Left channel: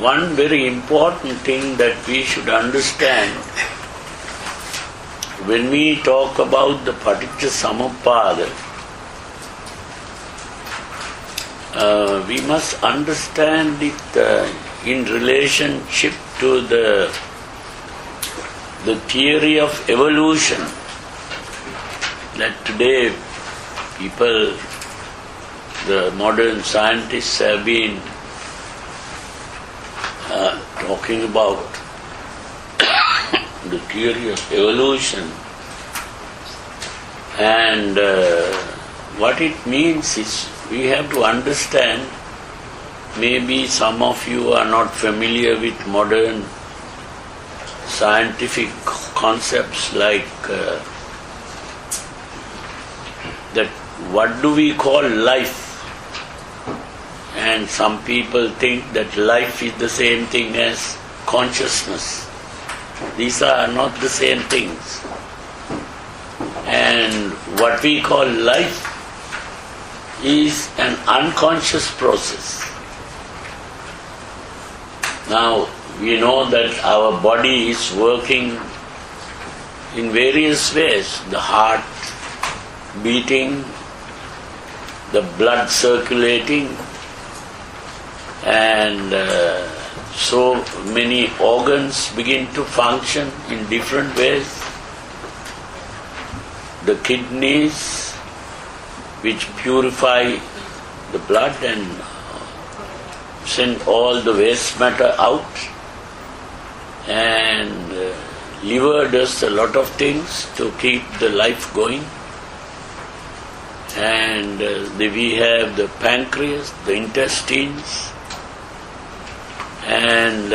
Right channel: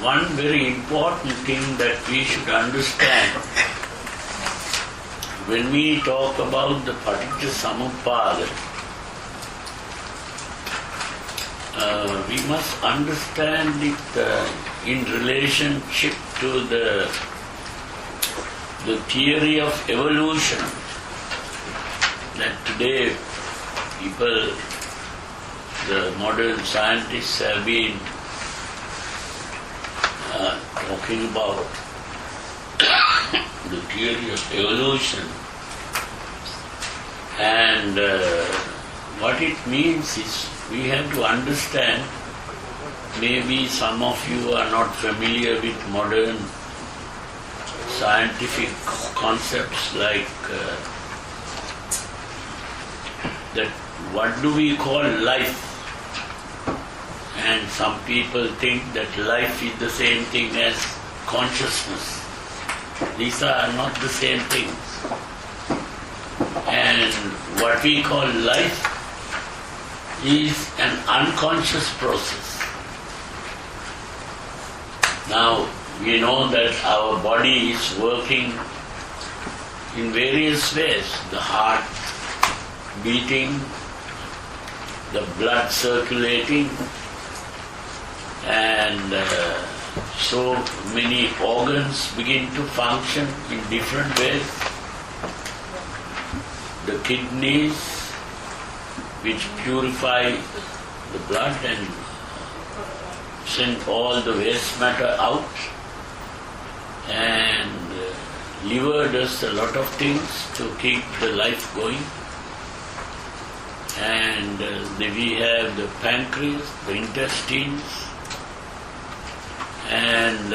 one very important thing that we should understand when we talk about the Paticca Samuppada, we must understand it in relationship to the theory of evolution that today people, the modern scientists have been talking about the theory of evolution, and what it means is we have to understand. Maybe some of you are not familiar with modern scientific concepts like that what do we call life? And some people think that life is the same thing as consciousness. These are not the same things. And what we call life is an unconscious process. Now, we know that our body is working in various ways. The heart beating, the blood circulating, and so many organs begin to function in different ways. The kidneys, which purify the blood and send all the waste matter out, and liver does a lot of things to keep the life going, and we have the pancreas, the intestines, and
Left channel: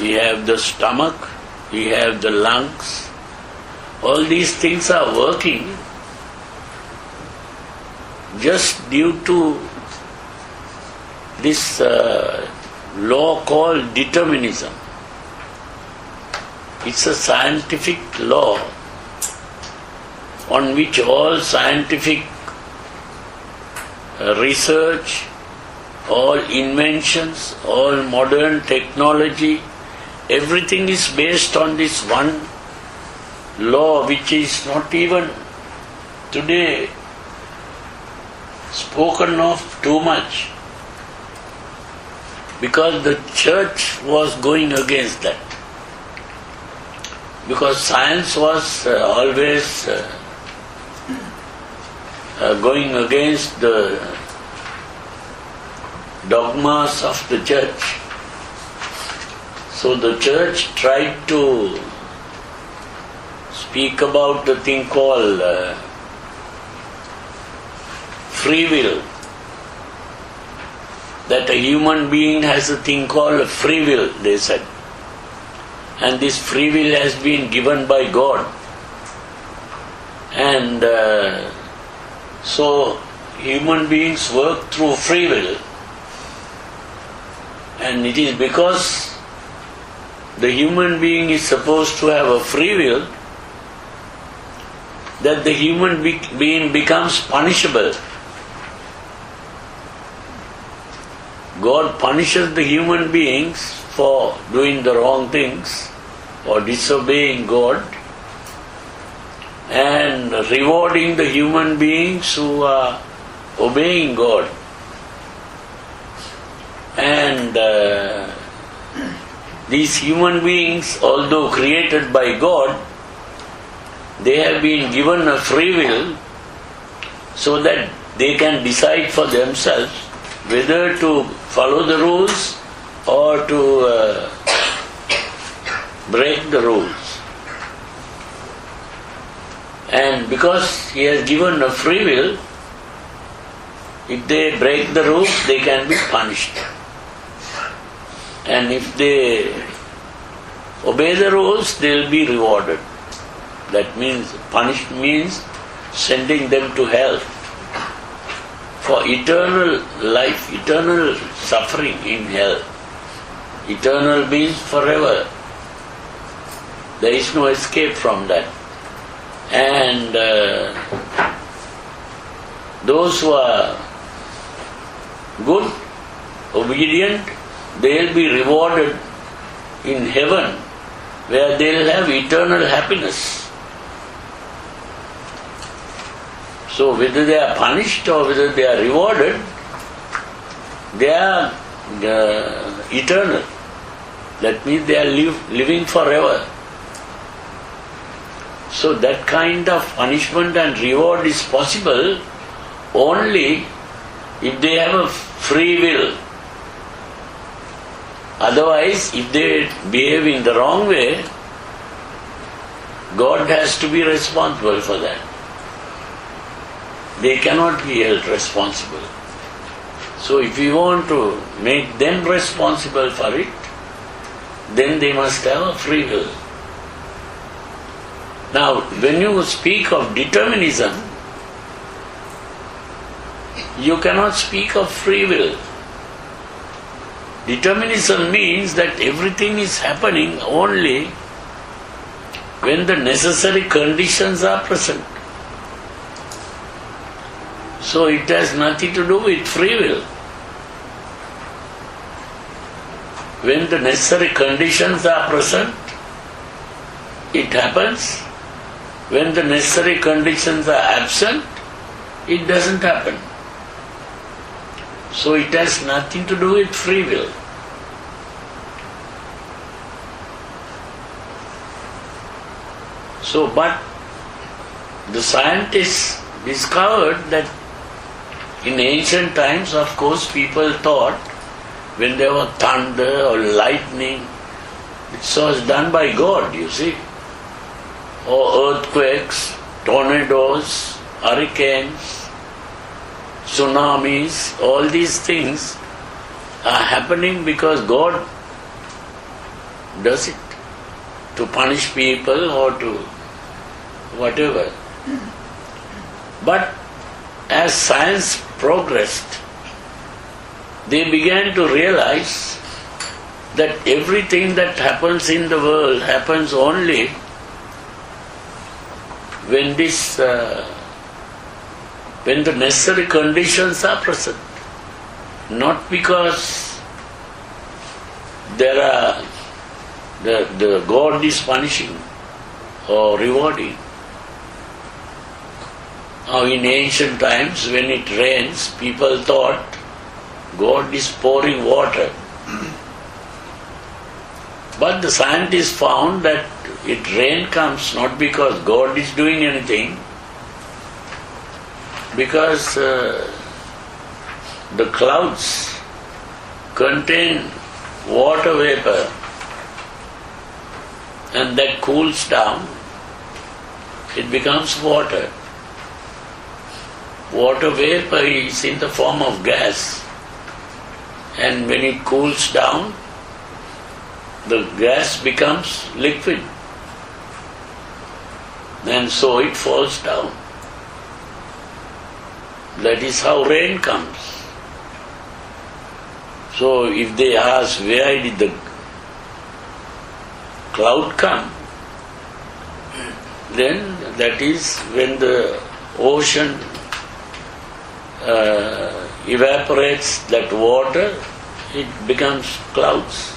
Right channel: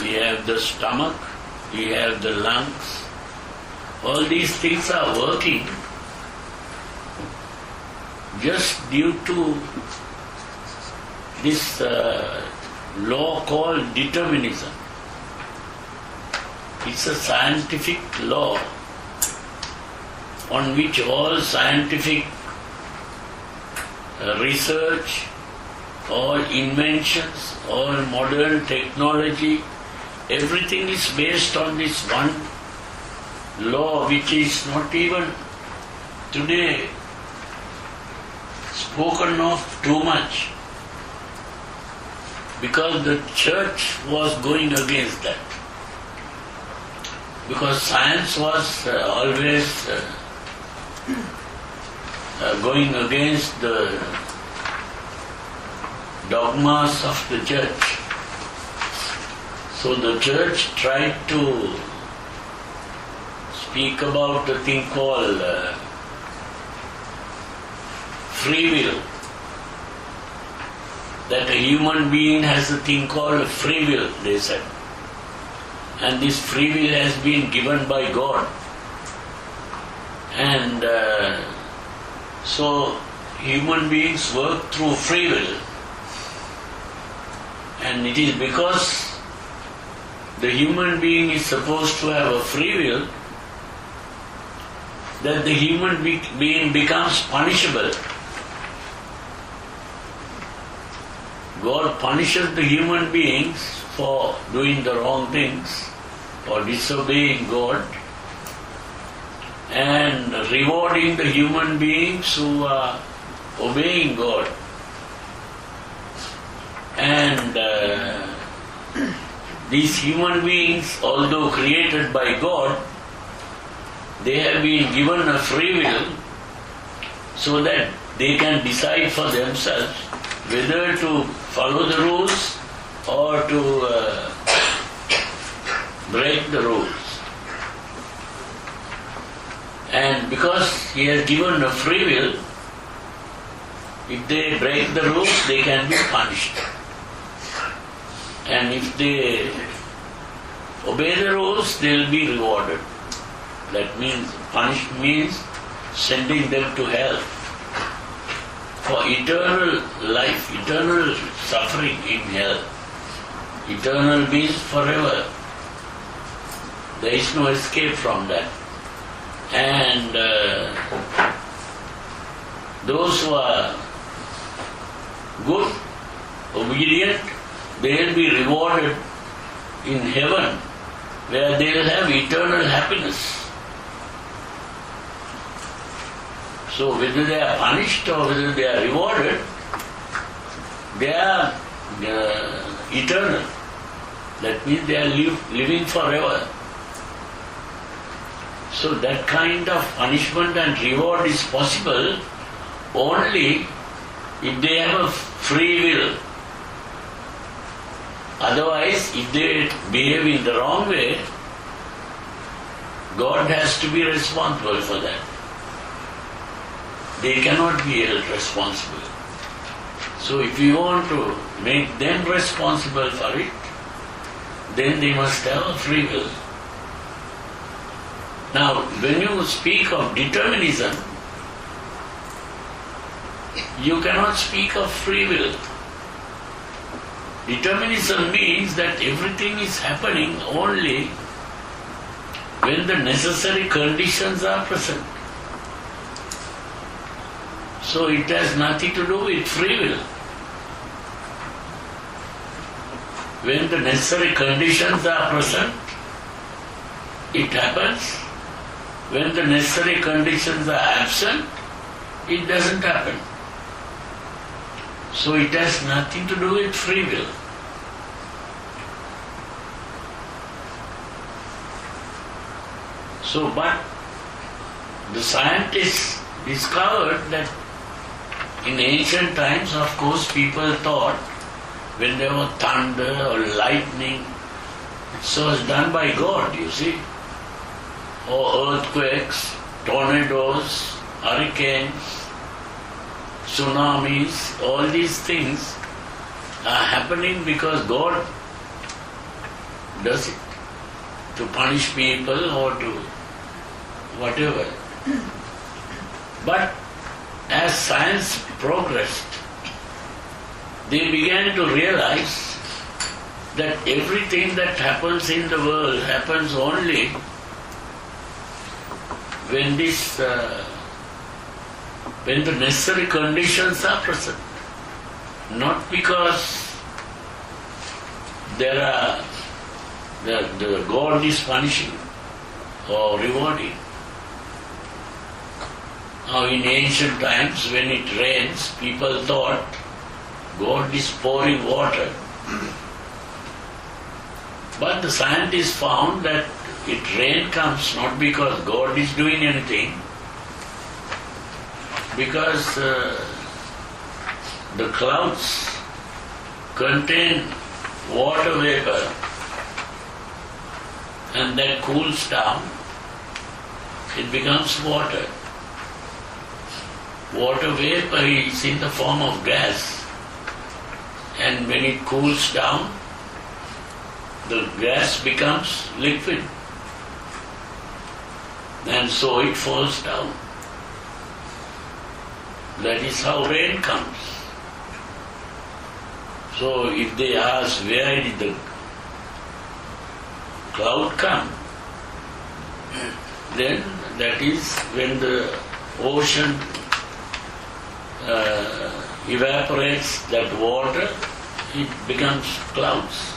we have the stomach, we have the lungs. All these things are working just due to this law called determinism. It's a scientific law on which all scientific research, all inventions, all modern technology, everything is based on this one law, which is not even today spoken of too much, because the church was going against that. Because science was always going against the dogmas of the church. So the church tried to speak about the thing called free will. That a human being has a thing called free will, they said. And this free will has been given by God. And so human beings work through free will. And it is because the human being is supposed to have a free will that the human being becomes punishable. God punishes the human beings for doing the wrong things or disobeying God, and rewarding the human beings who are obeying God. And these human beings, although created by God, they have been given a free will so that they can decide for themselves whether to follow the rules or to break the rules. And because He has given a free will, if they break the rules, they can be punished. And if they obey the rules, they will be rewarded. That means, punished means sending them to hell for eternal life, eternal suffering in hell. Eternal means forever. There is no escape from that. And those who are good, obedient, they'll be rewarded in heaven, where they'll have eternal happiness. So whether they are punished or whether they are rewarded, they are eternal. That means they are living forever. So that kind of punishment and reward is possible only if they have a free will. Otherwise, if they behave in the wrong way, God has to be responsible for that. They cannot be held responsible. So if you want to make them responsible for it, then they must have a free will. Now, when you speak of determinism, you cannot speak of free will. Determinism means that everything is happening only when the necessary conditions are present. So it has nothing to do with free will. When the necessary conditions are present, it happens. When the necessary conditions are absent, it doesn't happen. So it has nothing to do with free will. So, but the scientists discovered that in ancient times, of course, people thought when there was thunder or lightning, it was done by God, you see. Or earthquakes, tornadoes, hurricanes, tsunamis, all these things are happening because God does it to punish people or to whatever. But as science progressed, they began to realize that everything that happens in the world happens only when when the necessary conditions are present. Not because there are the God is punishing or rewarding. Now in ancient times when it rains, people thought God is pouring water. But the scientists found that rain comes not because God is doing anything, because the clouds contain water vapor and that cools down, it becomes water. Water vapor is in the form of gas, and when it cools down, the gas becomes liquid, and so it falls down. That is how rain comes. So if they ask where did the cloud come, then that is when the ocean evaporates that water, it becomes clouds.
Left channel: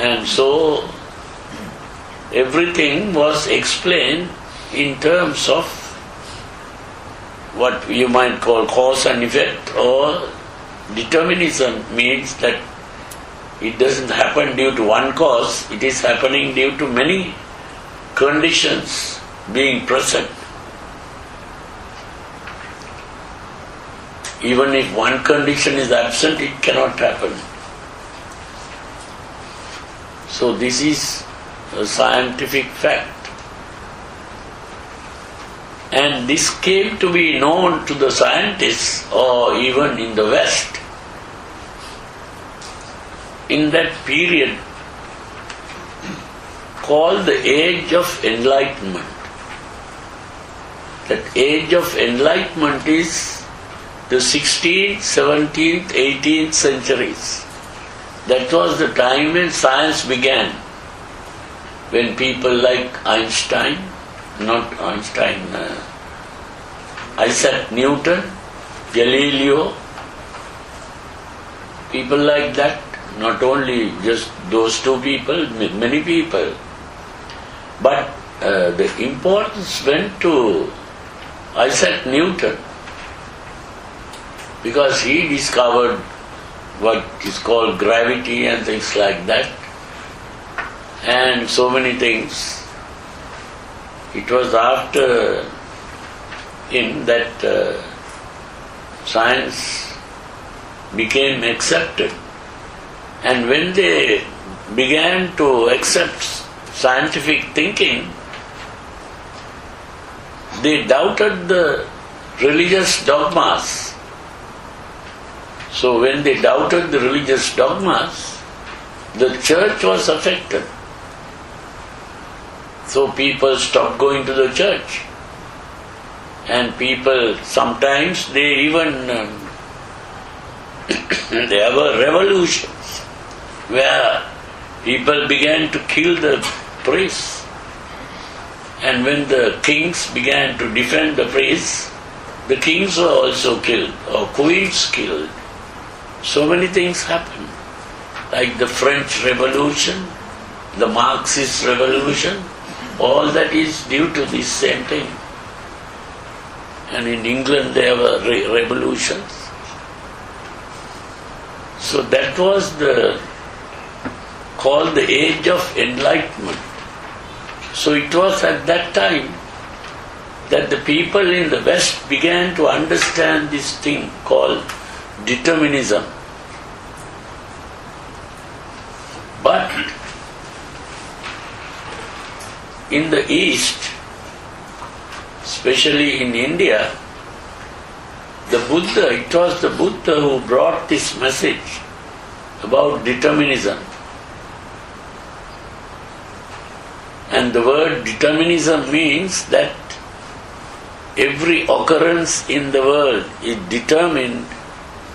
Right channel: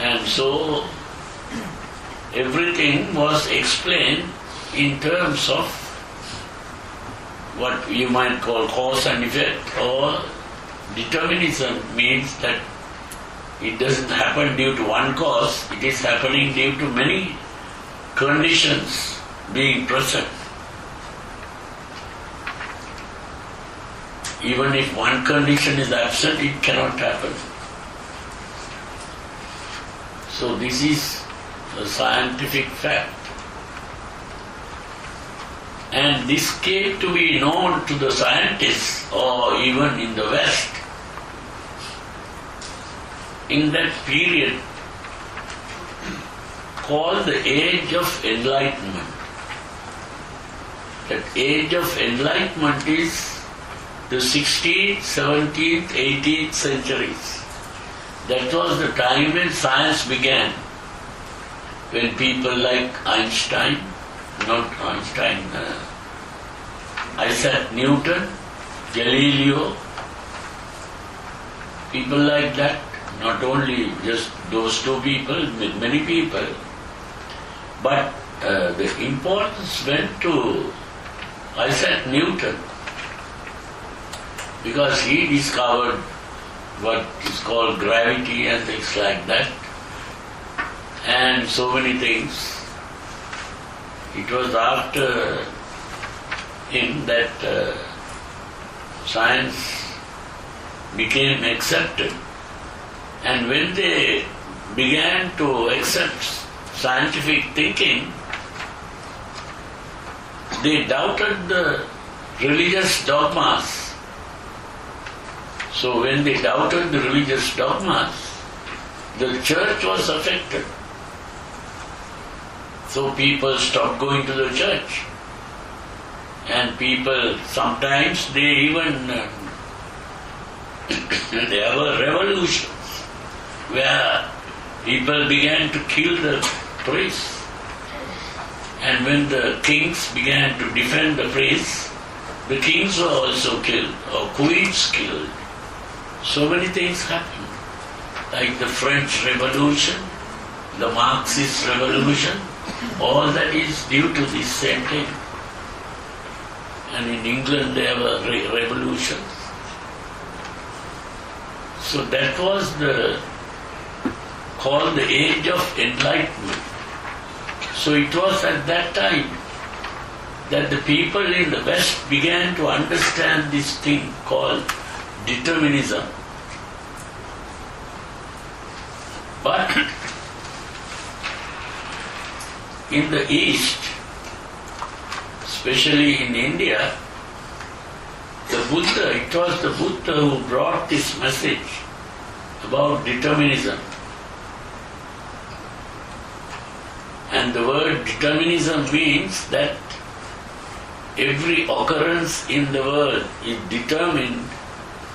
And so everything was explained in terms of what you might call cause and effect, or determinism means that it doesn't happen due to one cause, it is happening due to many conditions being present. Even if one condition is absent, it cannot happen. So this is a scientific fact. And this came to be known to the scientists, or even in the West, in that period called the Age of Enlightenment. That Age of Enlightenment is the 16th, 17th, 18th centuries. That was the time when science began, when people like Einstein, Isaac Newton, Galileo, people like that, not only just those two people, many people. But the importance went to Isaac Newton, because he discovered what is called gravity and things like that, and so many things. It was after him that science became accepted. And when they began to accept scientific thinking, they doubted the religious dogmas. So when they doubted the religious dogmas, the church was affected. So people stopped going to the church. And people, sometimes they even, there were revolutions where people began to kill the priests. And when the kings began to defend the priests, the kings were also killed, or queens killed. So many things happened, like the French Revolution, the Marxist Revolution, all that is due to this same thing. And in England there were revolutions. So that was called the Age of Enlightenment. So it was at that time that the people in the West began to understand this thing called determinism. But in the East, especially in India, it was the Buddha who brought this message about determinism. And the word determinism means that every occurrence in the world is determined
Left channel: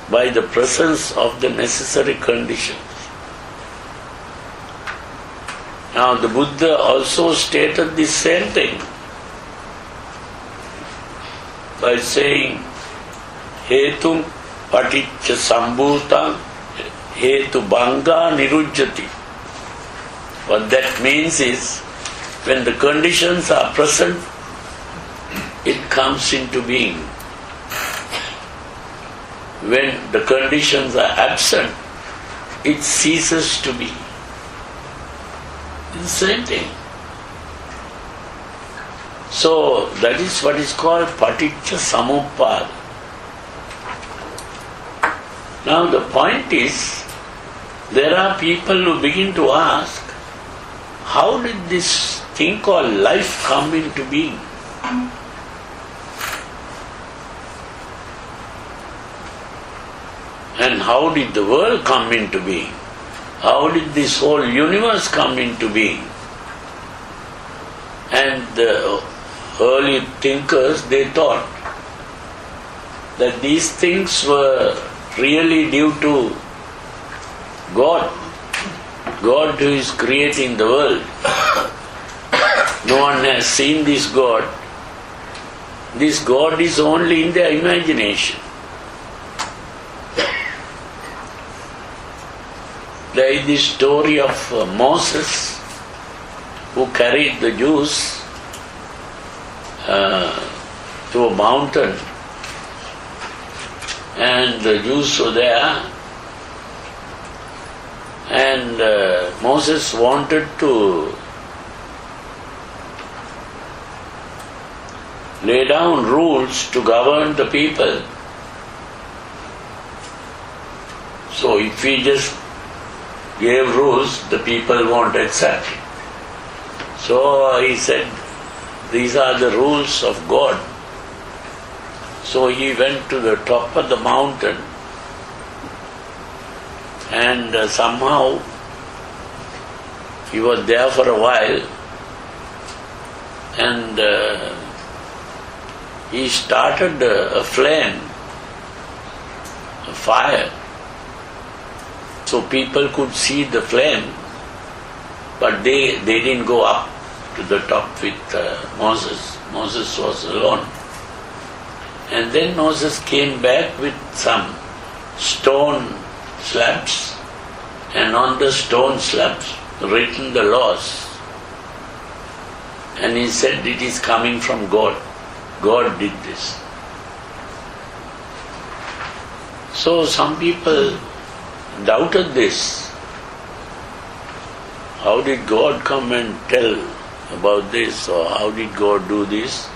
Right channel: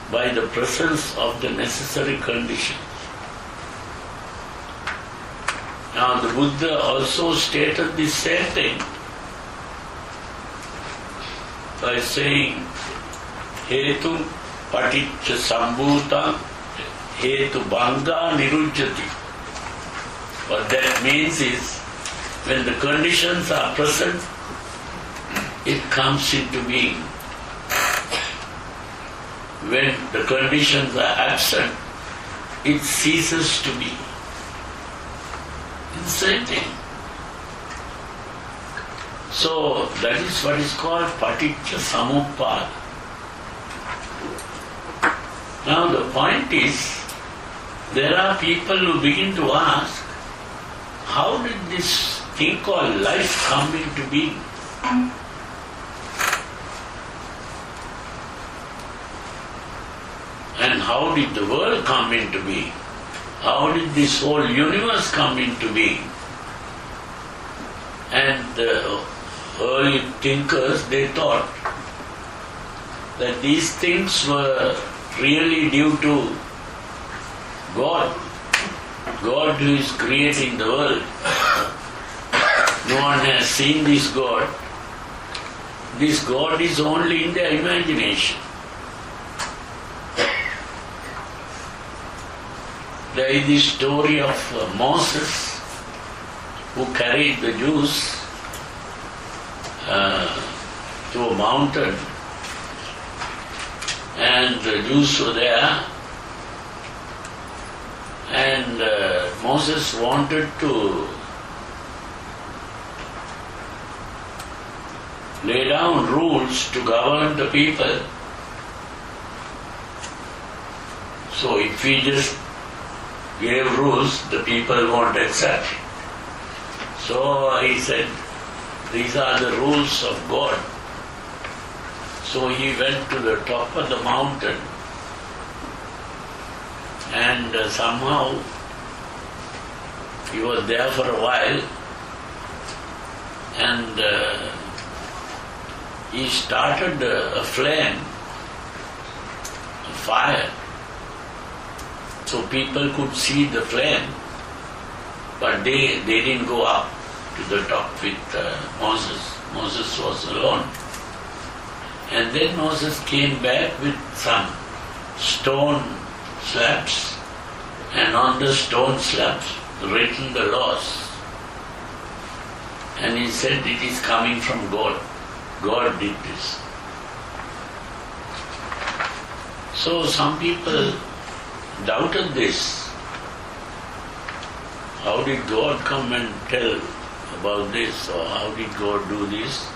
by the presence of the necessary conditions. Now the Buddha also stated this same thing by saying, Hetum Paticca Samuppada Hetu Bhanga Nirujjati. What that means is, when the conditions are present, it comes into being. When the conditions are absent, it ceases to be. It's the same thing. So that is what is called Paticca Samuppada. Now the point is, there are people who begin to ask, how did this thing called life come into being? And how did the world come into being? How did this whole universe come into being? And the early thinkers, they thought that these things were really due to God. God who is creating the world. No one has seen this God. This God is only in their imagination. There is this story of Moses, who carried the Jews to a mountain, and the Jews were there, and Moses wanted to lay down rules to govern the people. So if we just gave rules, the people won't accept it. So he said, these are the rules of God. So he went to the top of the mountain, and somehow he was there for a while, and he started a flame, a fire. So people could see the flame, but they didn't go up to the top with Moses. Moses was alone. And then Moses came back with some stone slabs, and on the stone slabs written the laws. And he said it is coming from God. God did this. So some people doubted this. How did God come and tell about this, or how did God do this?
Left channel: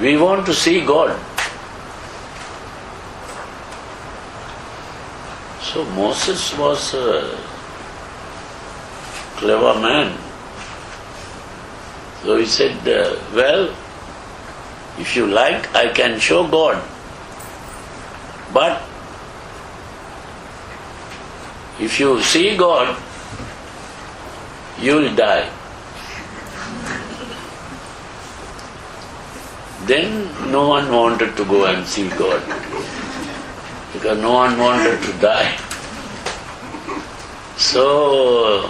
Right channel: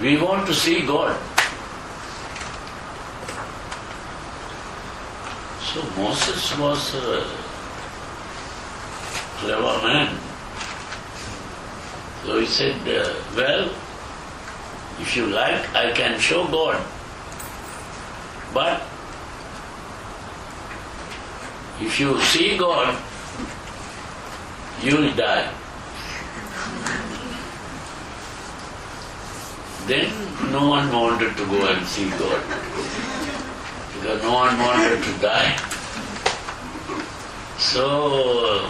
We want to see God. So Moses was a clever man. So he said, well, if you like, I can show God. But if you see God, you will die. Then no one wanted to go and see God, because no one wanted to die. So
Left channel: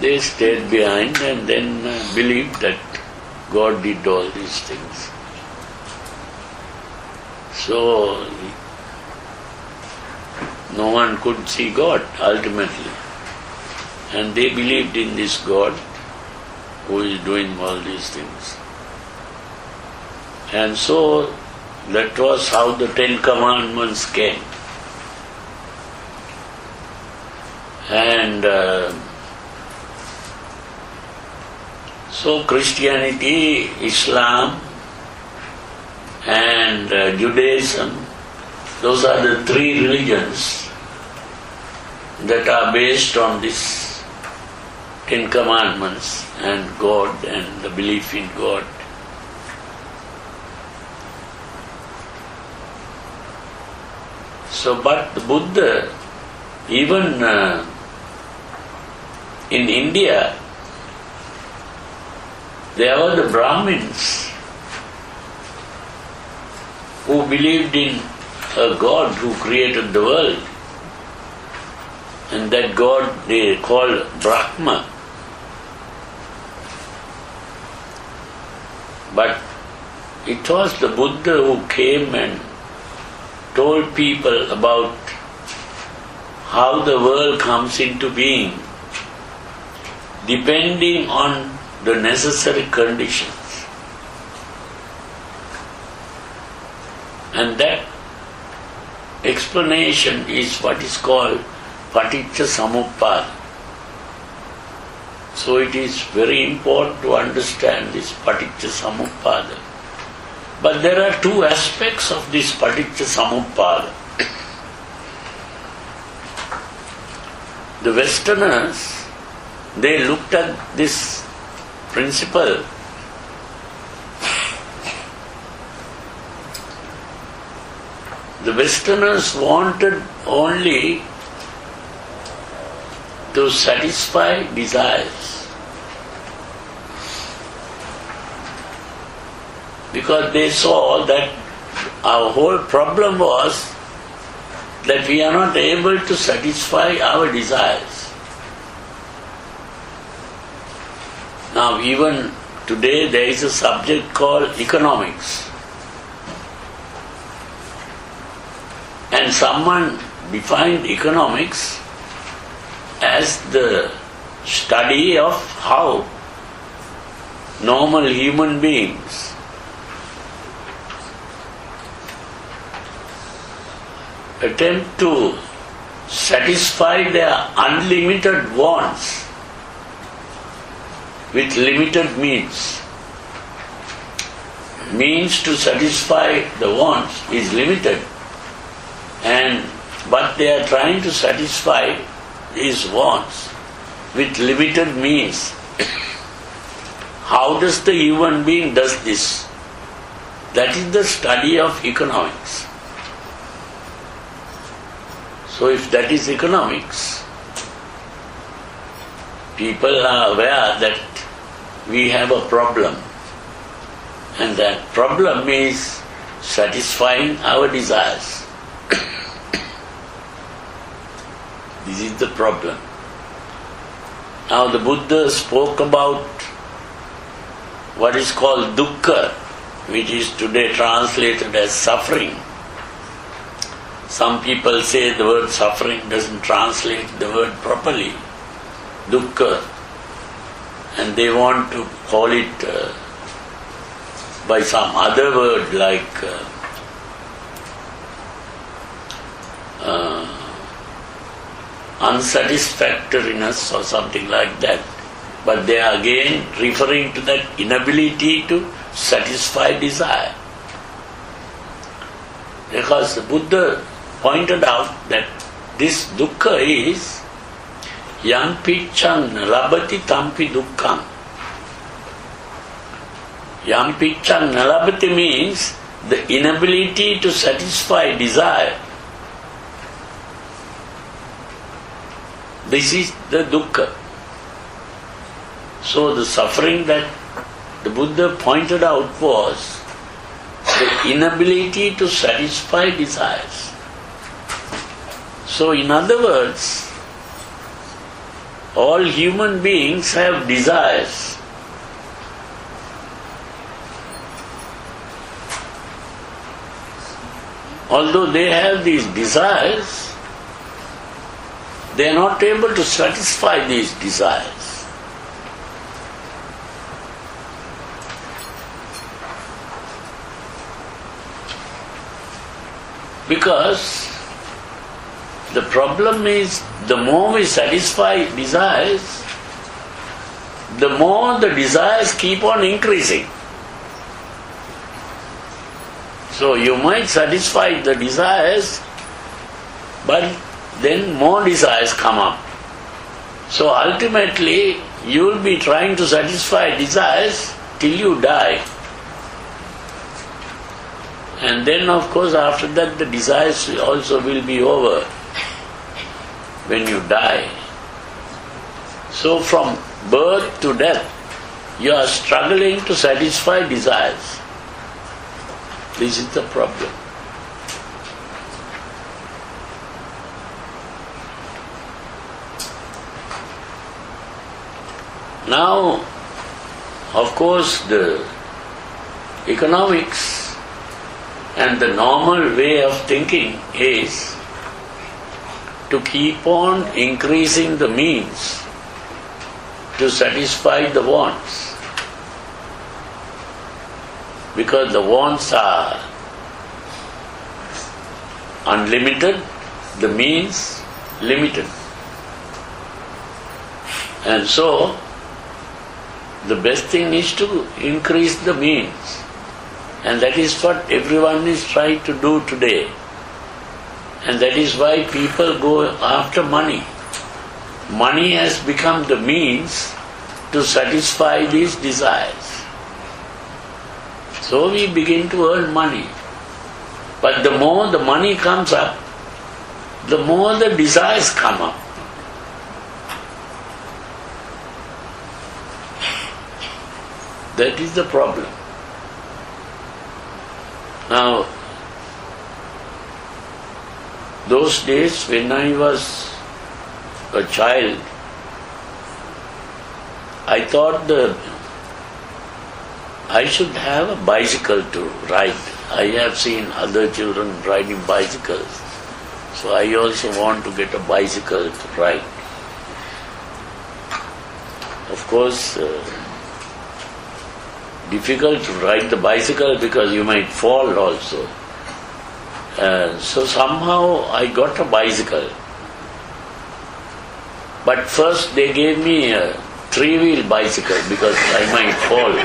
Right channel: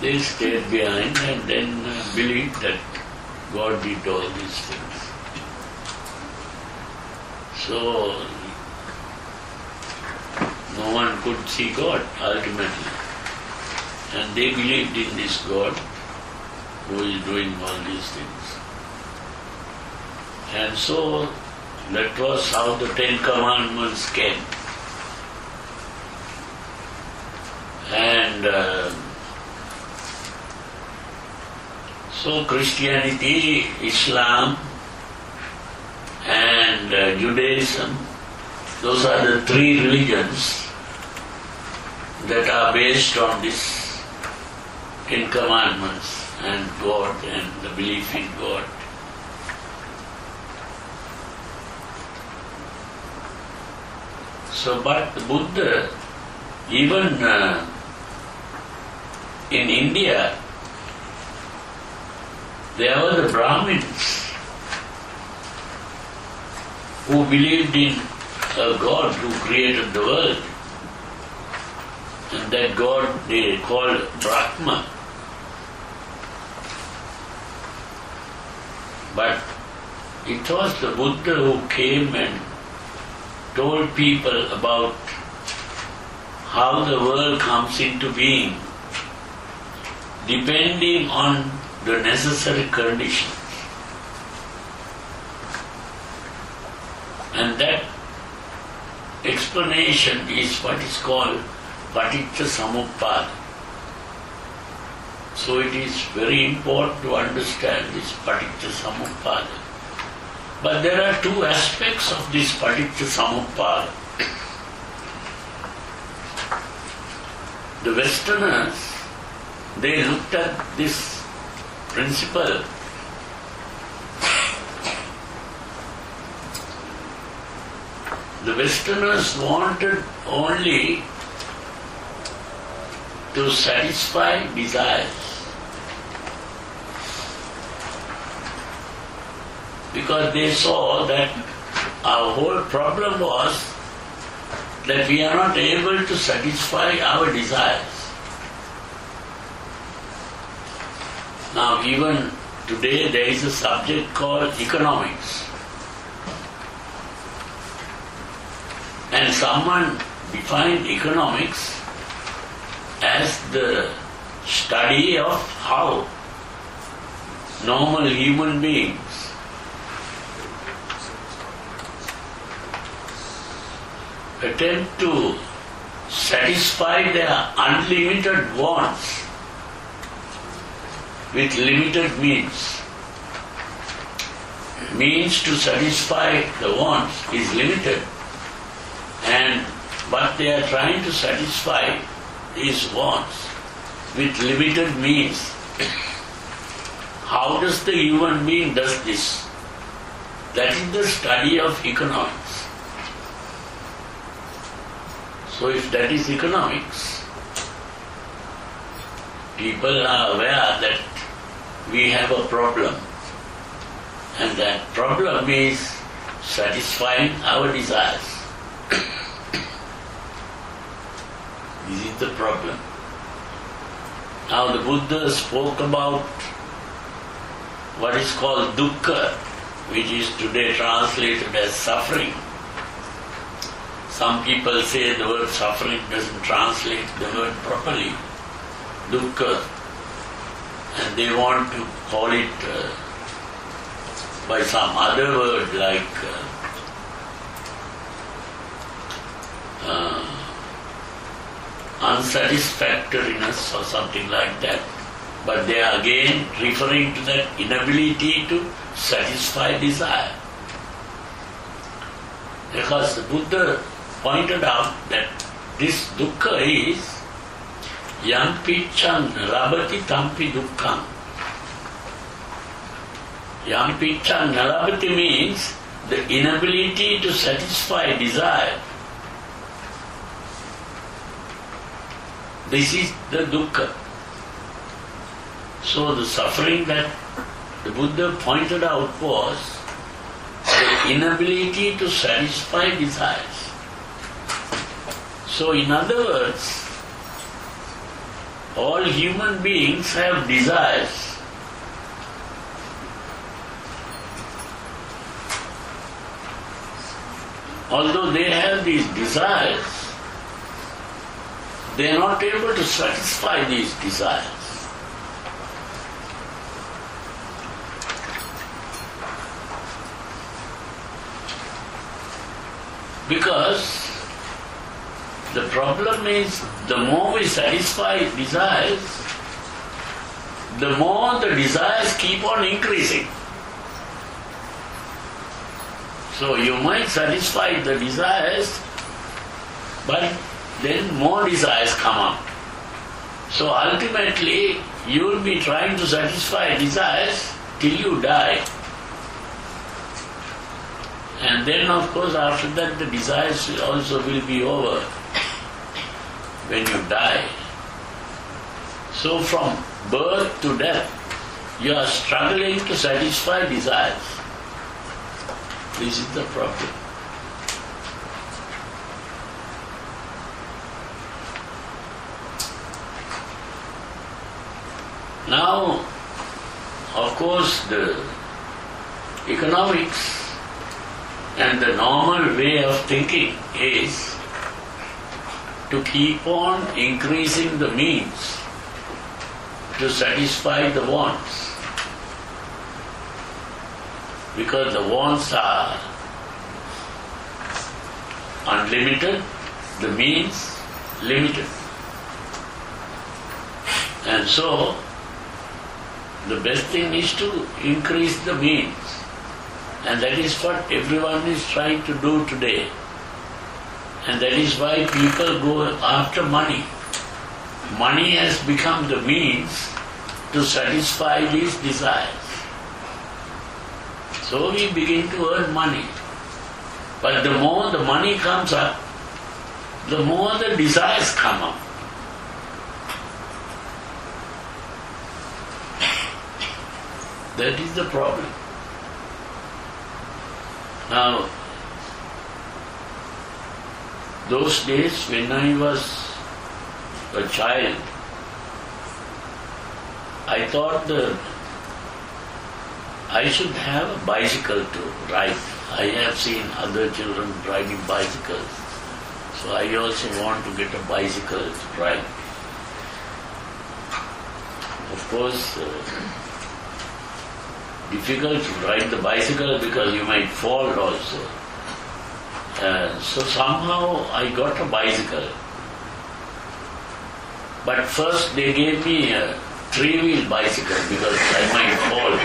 they stayed behind and then believed that God did all these things. So no one could see God ultimately. And they believed in this God who is doing all these things. And so that was how the Ten Commandments came. And so Christianity, Islam and Judaism, those are the three religions that are based on this Ten Commandments and God and the belief in God. So, but the Buddha, even in India, there were the Brahmins who believed in a God who created the world. And that God they called Brahma. But it was the Buddha who came and told people about how the world comes into being depending on the necessary conditions. And that explanation is what is called Paticca Samuppada. So it is very important to understand this Paticca Samuppada. But there are two aspects of this Paticca Samuppada. The Westerners, they looked at this principle the Westerners wanted only to satisfy desires, because they saw that our whole problem was that we are not able to satisfy our desires. Now even today there is a subject called economics, and someone defined economics as the study of how normal human beings attempt to satisfy their unlimited wants with limited means. Means to satisfy the wants is limited, but they are trying to satisfy these wants with limited means. How does the human being does this? That is the study of economics. So if that is economics, people are aware that we have a problem, and that problem is satisfying our desires. This is the problem. Now the Buddha spoke about what is called dukkha, which is today translated as suffering. Some people say the word suffering doesn't translate the word properly, dukkha, and they want to call it by some other word like unsatisfactoriness or something like that. But they are again referring to that inability to satisfy desire. Because the Buddha pointed out that this dukkha is yam picchan labati tampi dukkham. Yam picchan labati means the inability to satisfy desire. This is the dukkha. So the suffering that the Buddha pointed out was the inability to satisfy desires. So in other words, all human beings have desires. Although they have these desires, they are not able to satisfy these desires. Because the problem is, the more we satisfy desires, the more the desires keep on increasing. So you might satisfy the desires, but then more desires come up. So ultimately, you will be trying to satisfy desires till you die. And then of course after that the desires also will be over when you die. So from birth to death, you are struggling to satisfy desires. This is the problem. Now, of course, the economics and the normal way of thinking is to keep on increasing the means to satisfy the wants. Because the wants are unlimited, the means limited. And so, the best thing is to increase the means. And that is what everyone is trying to do today. And that is why people go after money. Money has become the means to satisfy these desires. So we begin to earn money. But the more the money comes up, the more the desires come up. That is the problem. Now, those days when I was a child, I thought I should have a bicycle to ride. I have seen other children riding bicycles, so I also want to get a bicycle to ride. Of course, difficult to ride the bicycle because you might fall also. So somehow I got a bicycle. But first they gave me a three-wheel bicycle because I might fall.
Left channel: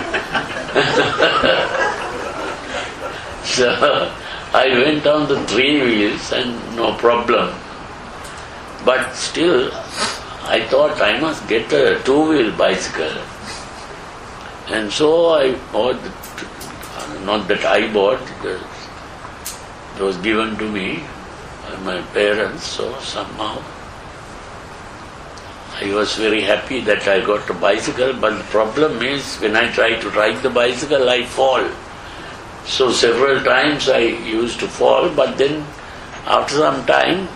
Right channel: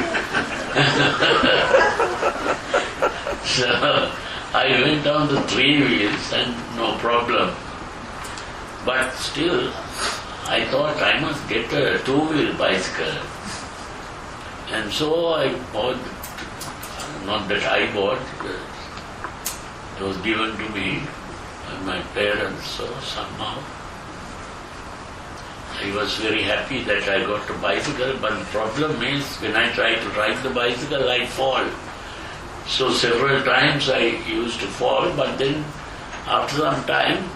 So I went on the three wheels and no problem. But still, I thought I must get a two-wheel bicycle. And so I bought, not that I bought, it was given to me by my parents, so somehow I was very happy that I got a bicycle, but the problem is when I try to ride the bicycle, I fall. So several times I used to fall, but then after some time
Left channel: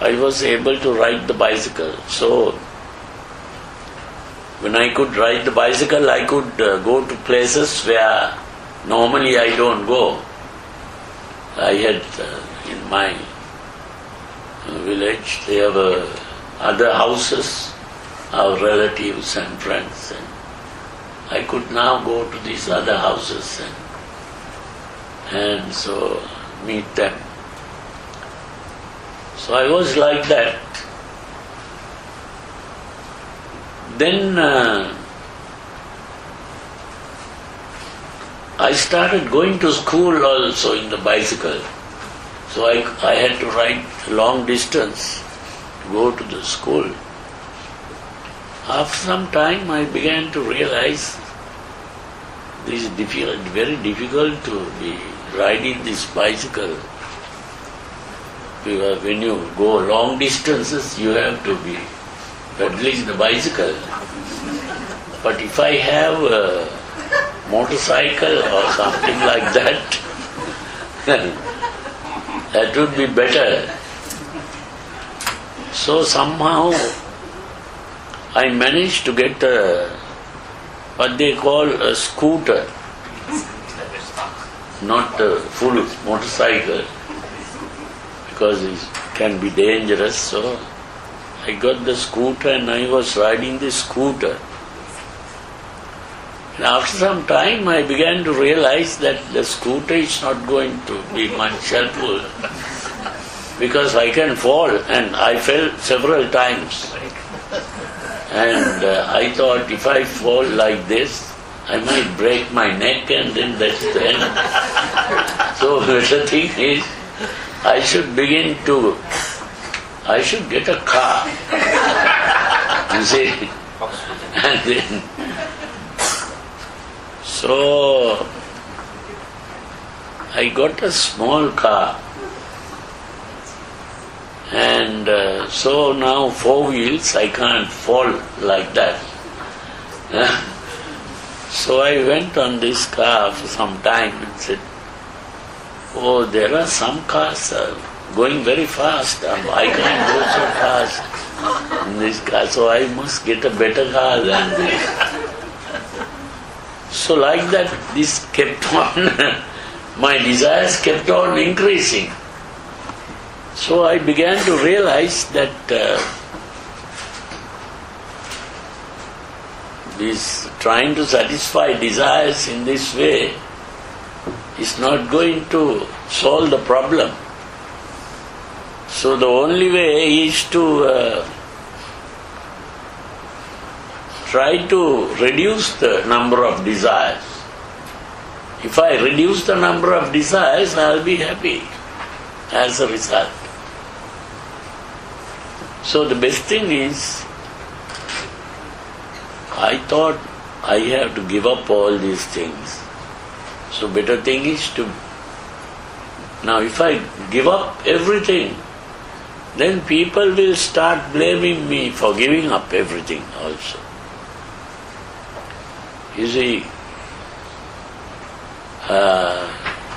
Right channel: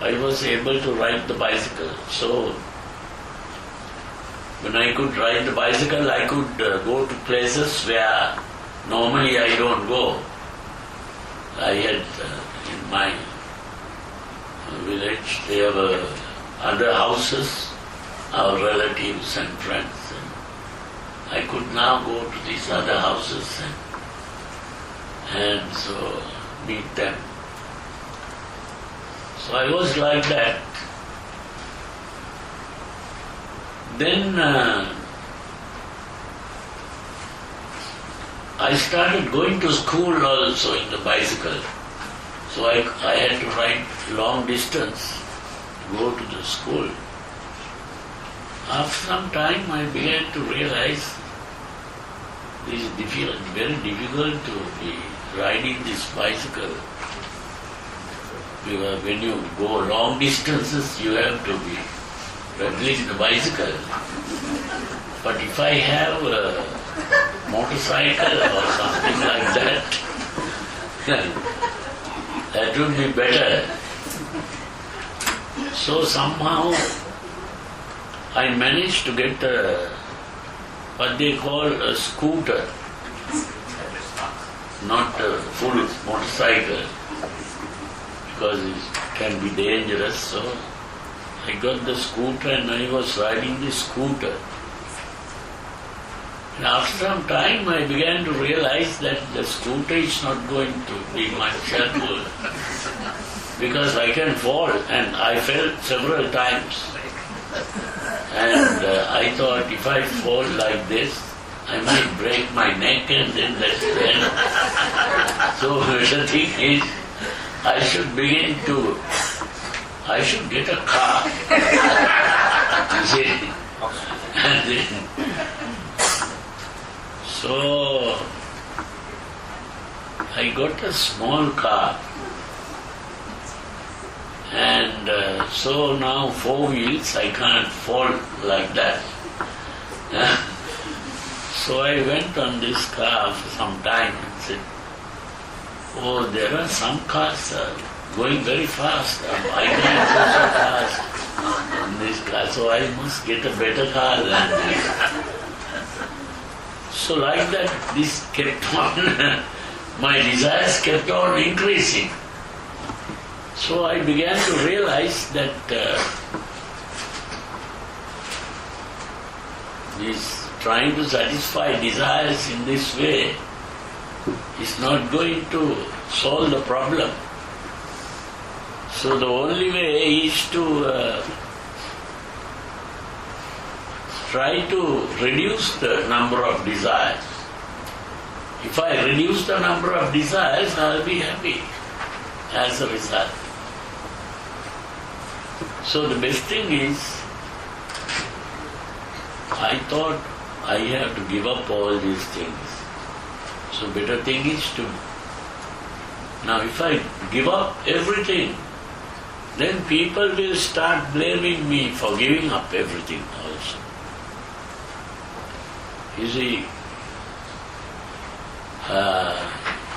I was able to ride the bicycle. So when I could ride the bicycle, I could go to places where normally I don't go. I had, in my village. They have other houses, our relatives and friends. And I could now go to these other houses and so meet them. So I was like that. Then I started going to school also in the bicycle. So I had to ride long distance to go to the school. After some time I began to realize this is very difficult to be riding this bicycle. Because when you go long distances you have to be pedaling the bicycle. But if I have a motorcycle or something like that, then that would be better. So somehow I managed to get what they call a scooter, not a full motorcycle, because it can be dangerous. So I got the scooter and I was riding the scooter. And after some time I began to realize that the scooter is not going to be much helpful because I can fall, and I fell several times. And I thought if I fall like this, I might break my neck and then that's the end. So the thing is, I should get a car, you see. And then, so I got a small car, and so now 4 wheels, I can't fall like that. So I went on this car for some time and said, oh, there are some cars going very fast. I can't go so fast in this car, so I must get a better car than this. So like that, this kept on, my desires kept on increasing. So I began to realize that this trying to satisfy desires in this way is not going to solve the problem. So the only way is to try to reduce the number of desires. If I reduce the number of desires, I'll be happy as a result. So the best thing is, I thought I have to give up all these things. So better thing is to, now if I give up everything, then people will start blaming me for giving up everything also. You see,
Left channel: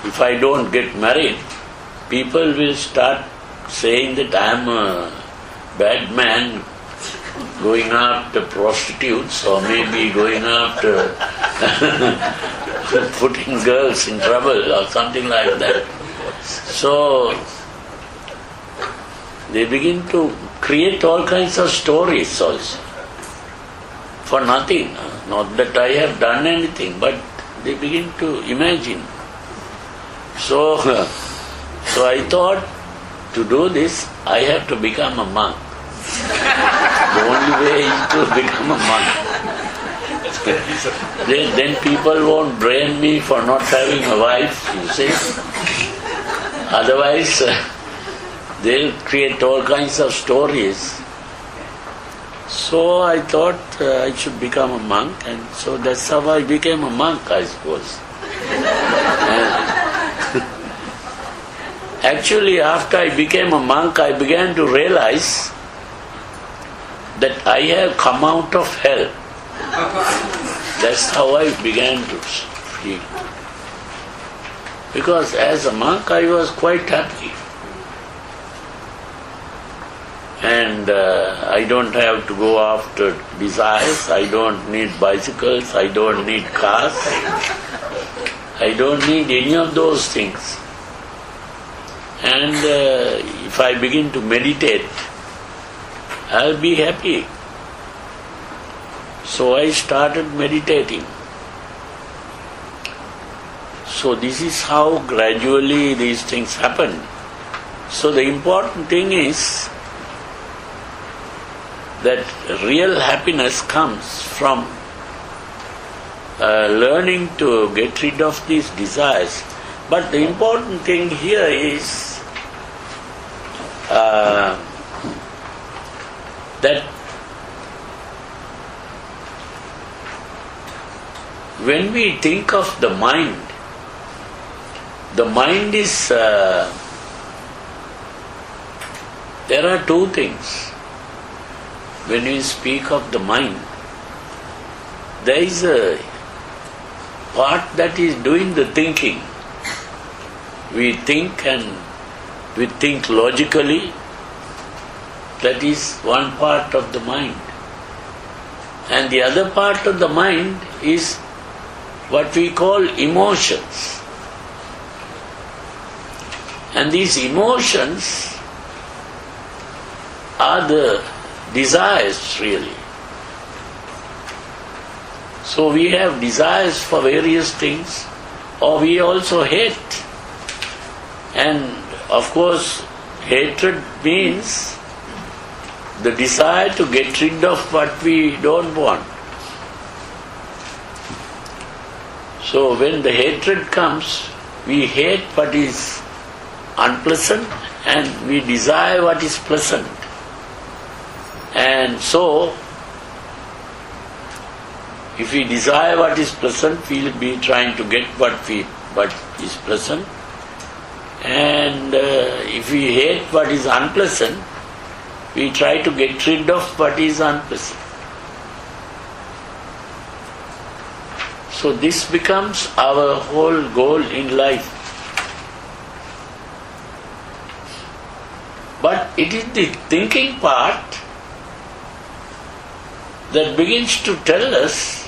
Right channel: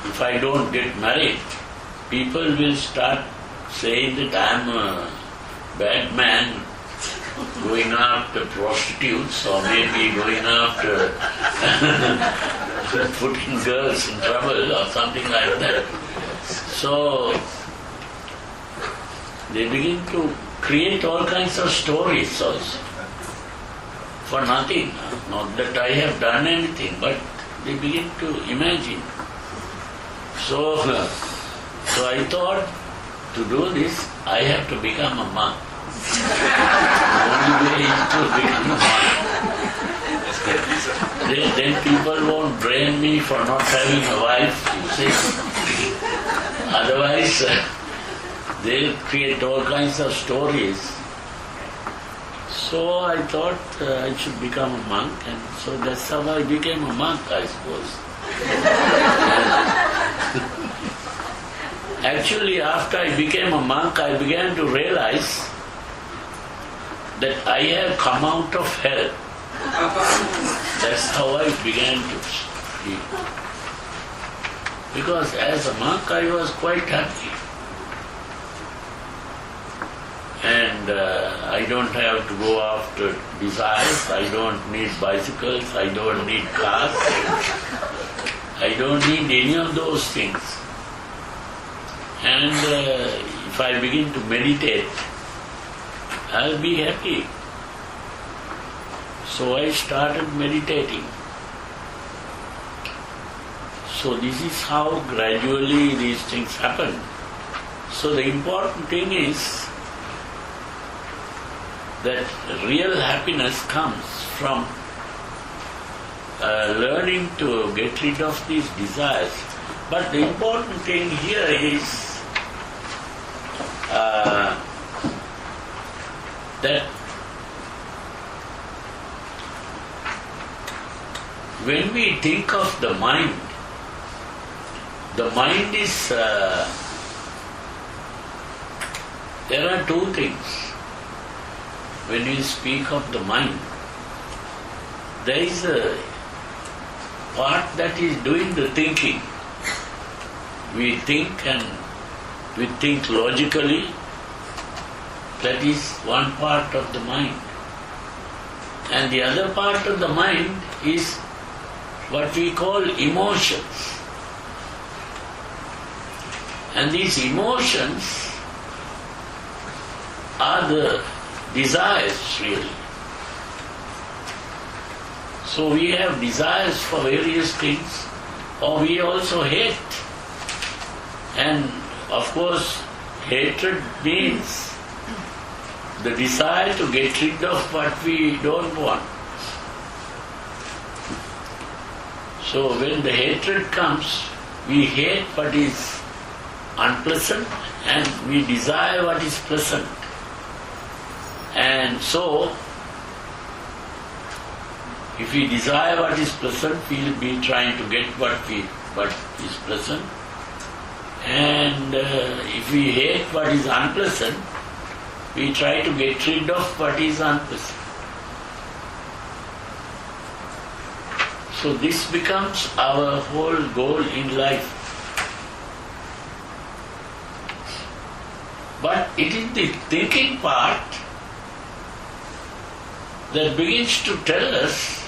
if I don't get married, people will start saying that I am a bad man going after prostitutes, or maybe going after putting girls in trouble or something like that. So they begin to create all kinds of stories also for nothing. Not that I have done anything, but they begin to imagine. So I thought, to do this, I have to become a monk. The only way is to become a monk. Then people won't blame me for not having a wife, you see. Otherwise, they'll create all kinds of stories. So I thought I should become a monk, and so that's how I became a monk, I suppose. Actually, after I became a monk, I began to realize that I have come out of hell. That's how I began to feel. Because as a monk, I was quite happy. And I don't have to go after desires, I don't need bicycles, I don't need cars, I don't need any of those things. and if I begin to meditate, I'll be happy. So I started meditating. So this is how gradually these things happen. So the important thing is that real happiness comes from learning to get rid of these desires. But the important thing here is that when we think of the mind is, there are two things. When we speak of the mind, there is a part that is doing the thinking. We think and we think logically. That is one part of the mind. And the other part of the mind is what we call emotions. And these emotions are the desires really. So we have desires for various things, or we also hate. And of course, hatred means the desire to get rid of what we don't want. So when the hatred comes, we hate what is unpleasant and we desire what is pleasant. And so, if we desire what is pleasant, we will be trying to get what is pleasant. And if we hate what is unpleasant, we try to get rid of what is unpleasant. So this becomes our whole goal in life. But it is the thinking part that begins to tell us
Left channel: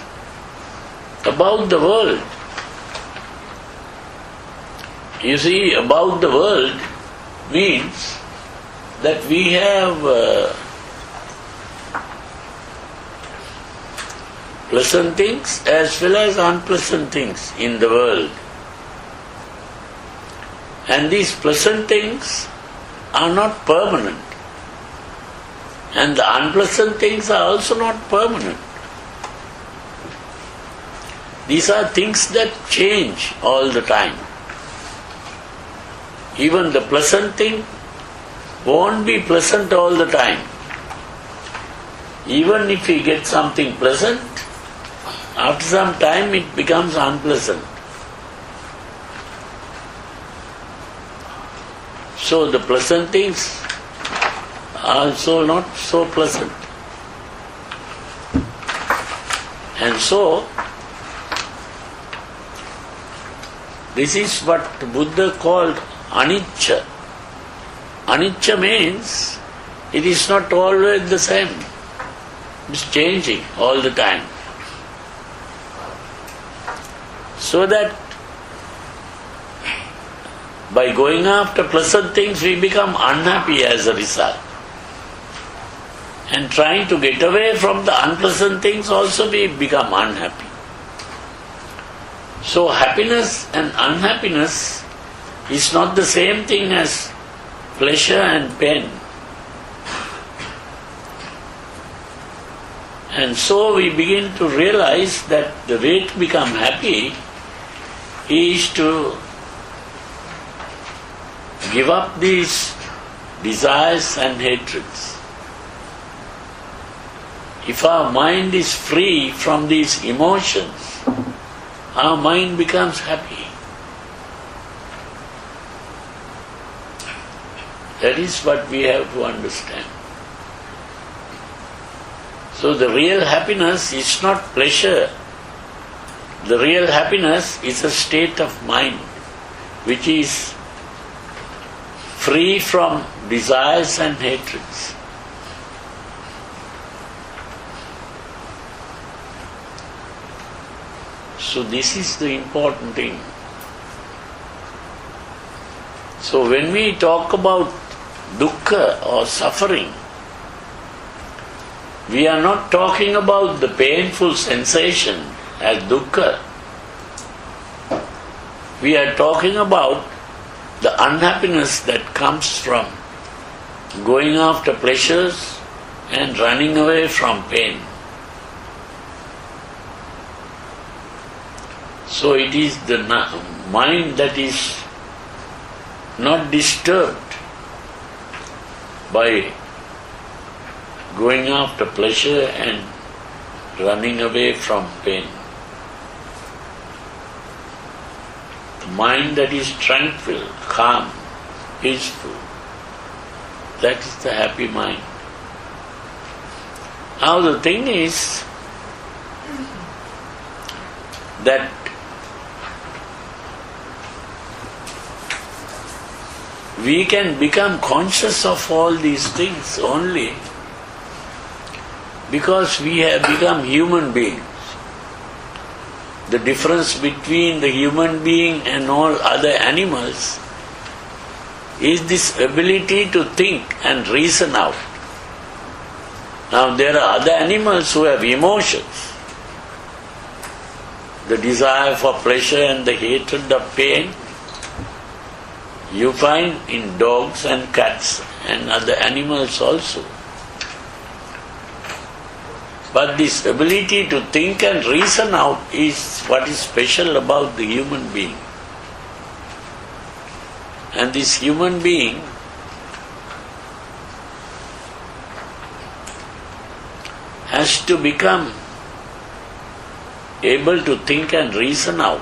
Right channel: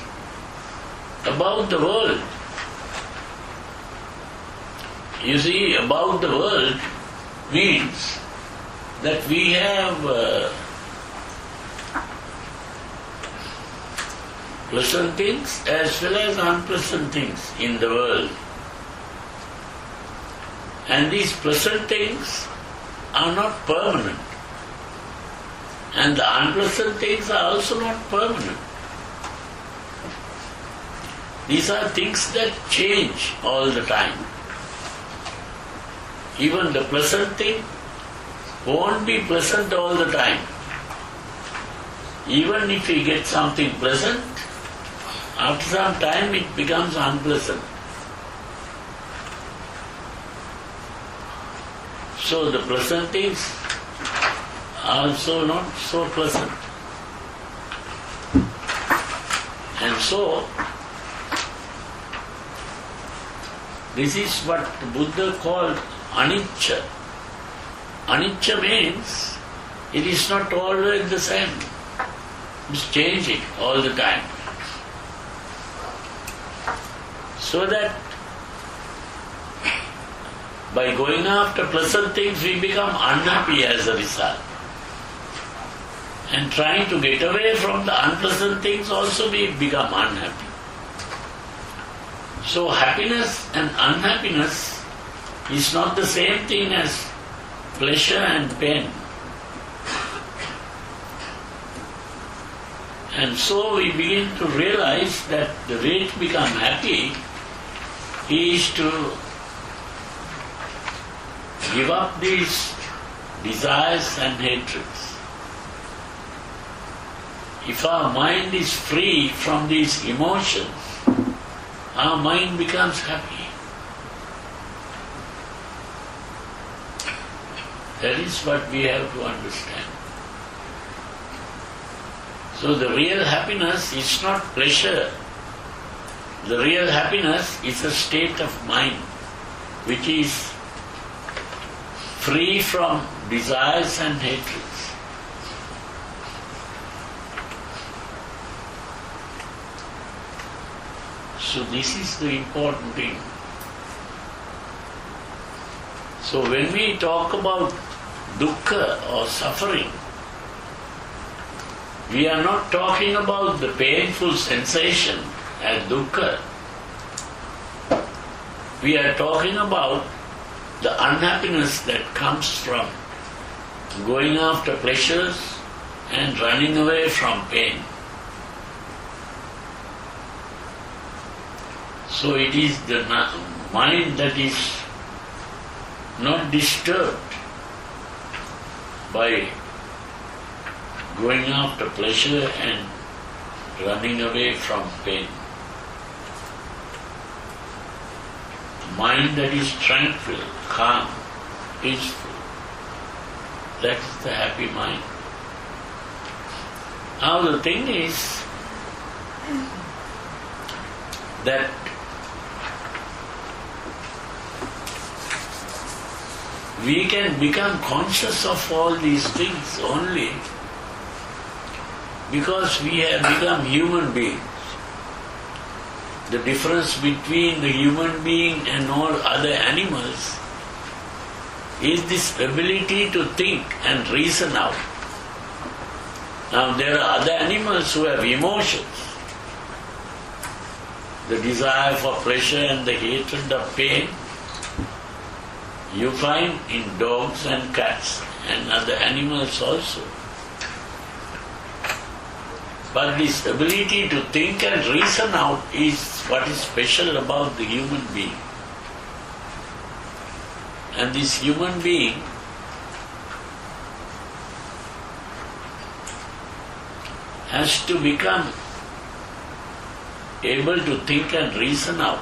about the world. You see, about the world means that we have pleasant things as well as unpleasant things in the world. And these pleasant things are not permanent. And the unpleasant things are also not permanent. These are things that change all the time. Even the pleasant thing won't be pleasant all the time. Even if we get something pleasant, after some time it becomes unpleasant. So the pleasant things are also not so pleasant. And so, this is what Buddha called anicca. Anicca means it is not always the same. It's changing all the time. So that by going after pleasant things, we become unhappy as a result. And trying to get away from the unpleasant things also we become unhappy. So happiness and unhappiness is not the same thing as pleasure and pain. And so we begin to realize that the way to become happy is to give up these desires and hatreds. If our mind is free from these emotions, our mind becomes happy. That is what we have to understand. So the real happiness is not pleasure. The real happiness is a state of mind which is free from desires and hatreds. So this is the important thing. So when we talk about dukkha or suffering, we are not talking about the painful sensation as dukkha. We are talking about the unhappiness that comes from going after pleasures and running away from pain. So it is the mind that is not disturbed by going after pleasure and running away from pain. The mind that is tranquil, calm, peaceful, that is the happy mind. Now the thing is that we can become conscious of all these things only because we have become human beings. The difference between the human being and all other animals is this ability to think and reason out. Now there are other animals who have emotions. The desire for pleasure and the hatred of pain you find in dogs and cats and other animals also. But this ability to think and reason out is what is special about the human being. And this human being has to become able to think and reason out.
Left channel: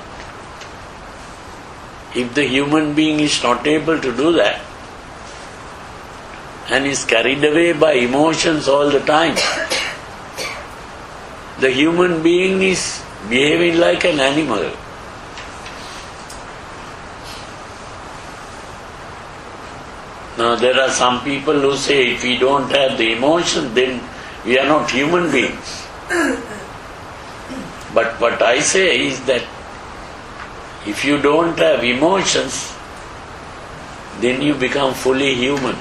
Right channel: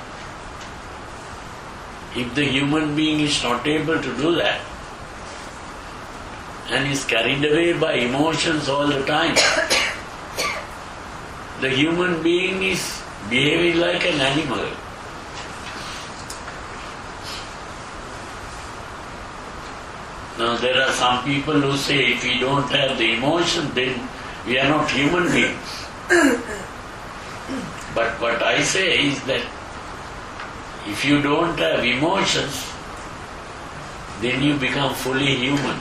If the human being is not able to do that and is carried away by emotions all the time, the human being is behaving like an animal. Now there are some people who say if we don't have the emotion then we are not human beings. But what I say is that if you don't have emotions, then you become fully human.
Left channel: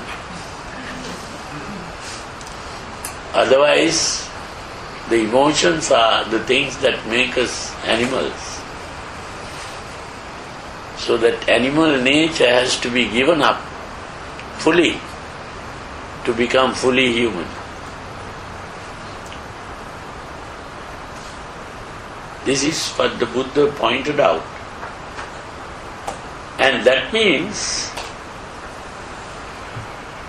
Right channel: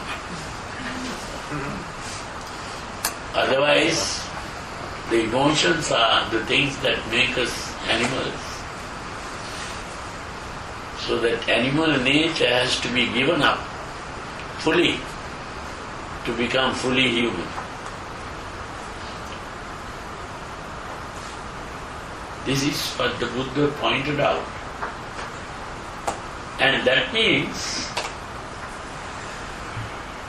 Otherwise, the emotions are the things that make us animals. So that animal nature has to be given up fully to become fully human. This is what the Buddha pointed out. And that means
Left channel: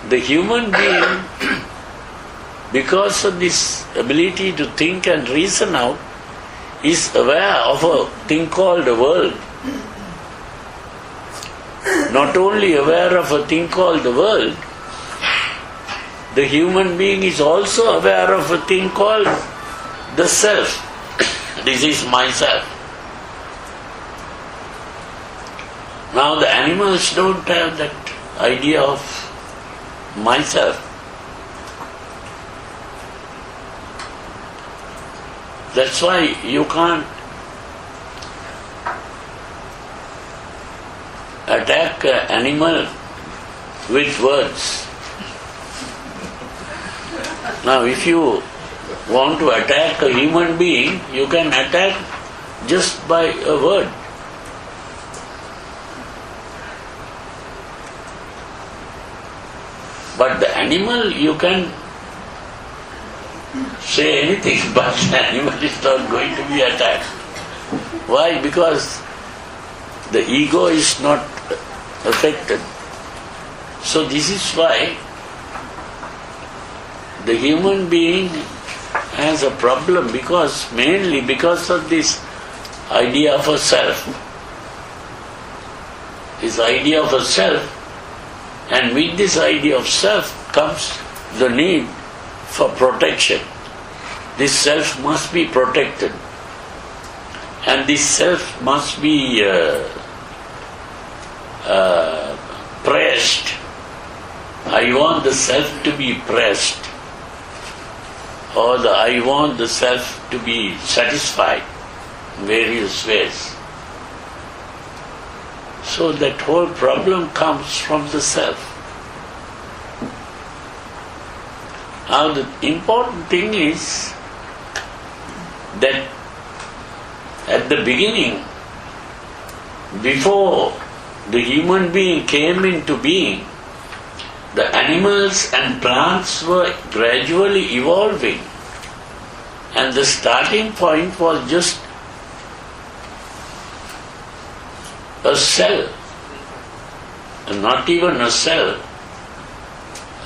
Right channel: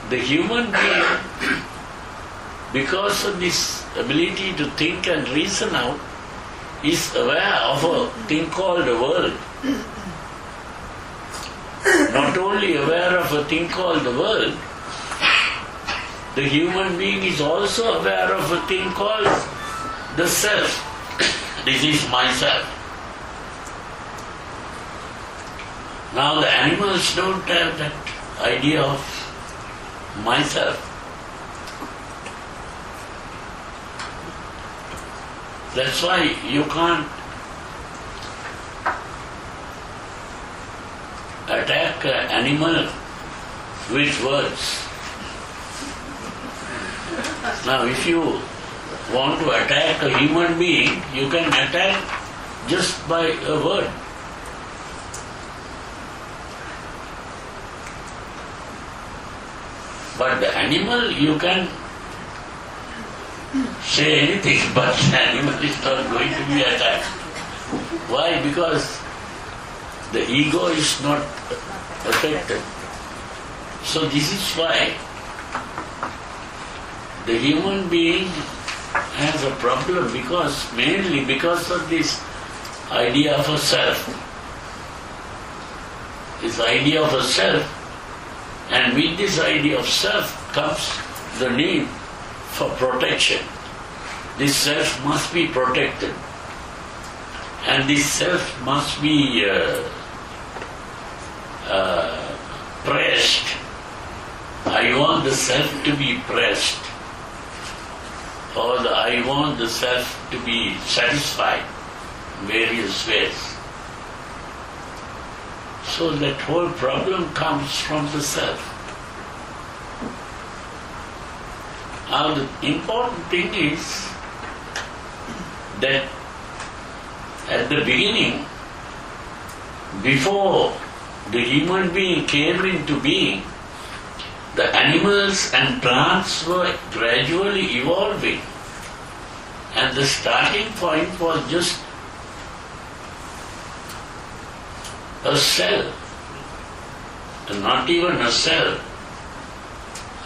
the human being, because of this ability to think and reason out, is aware of a thing called the world. Not only aware of a thing called the world, the human being is also aware of a thing called the self. This is myself. Now the animals don't have that idea of myself. That's why you can't attack an animal with words. Now if you want to attack a human being, you can attack just by a word. But the animal, you can say anything, but the animal is not going to be attacked. Why? Because the ego is not affected. So this is why the human being has a problem, mainly because of this idea of a self. This idea of a self, and with this idea of self comes the need for protection. This self must be protected. And this self must be pressed. I want the self to be pressed. Or I want the self to be satisfied in various ways. So that whole problem comes from the self. Now the important thing is that at the beginning, before the human being came into being, the animals and plants were gradually evolving, and the starting point was just a cell, not even a cell,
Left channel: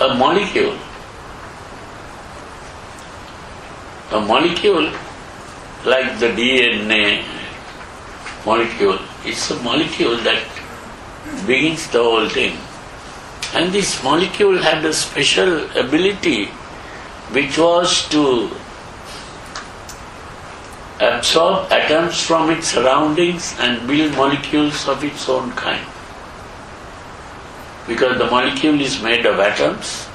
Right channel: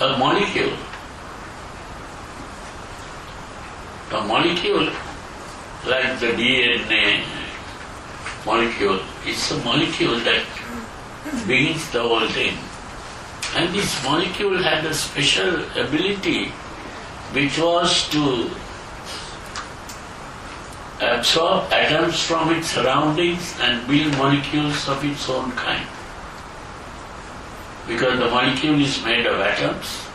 a molecule. A molecule like the DNA molecule, it's a molecule that begins the whole thing. And this molecule had a special ability which was to absorb atoms from its surroundings and build molecules of its own kind. Because the molecule is made of atoms,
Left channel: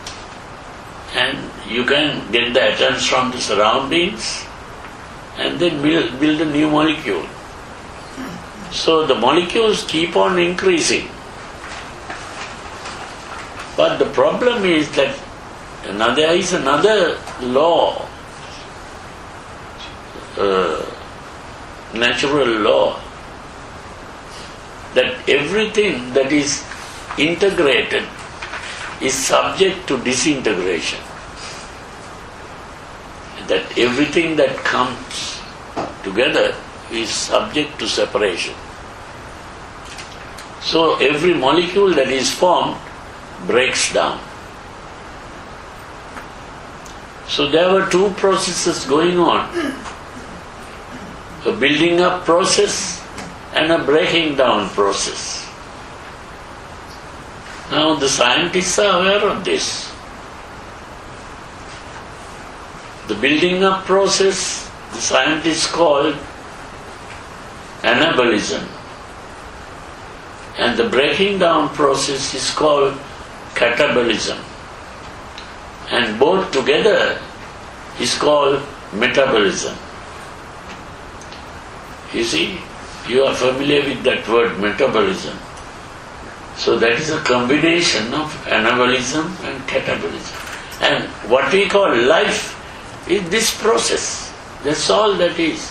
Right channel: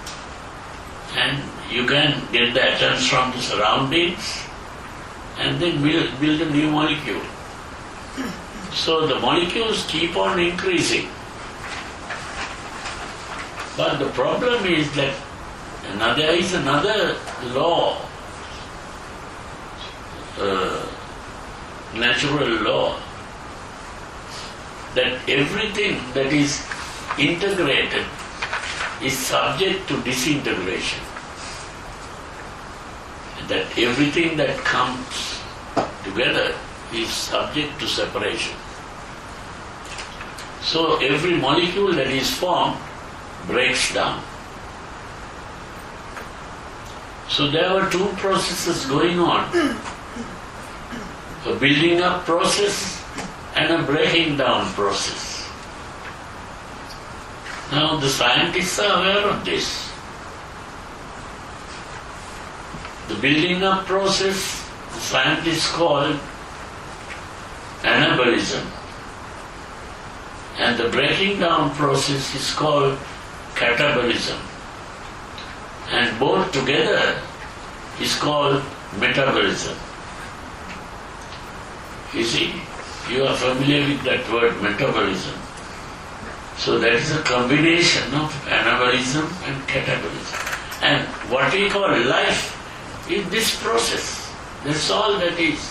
and you can get the atoms from the surroundings and then build a new molecule. So the molecules keep on increasing. But the problem is that there is another law, natural law, that everything that is integrated is subject to disintegration. That everything that comes together is subject to separation. So every molecule that is formed breaks down. So there were two processes going on, a building up process and a breaking down process. Now the scientists are aware of this. The building up process, the scientists call anabolism, and the breaking down process is called catabolism, and both together is called metabolism. You see, you are familiar with that word metabolism. So that is a combination of anabolism and catabolism. And what we call life is this process. That's all that is.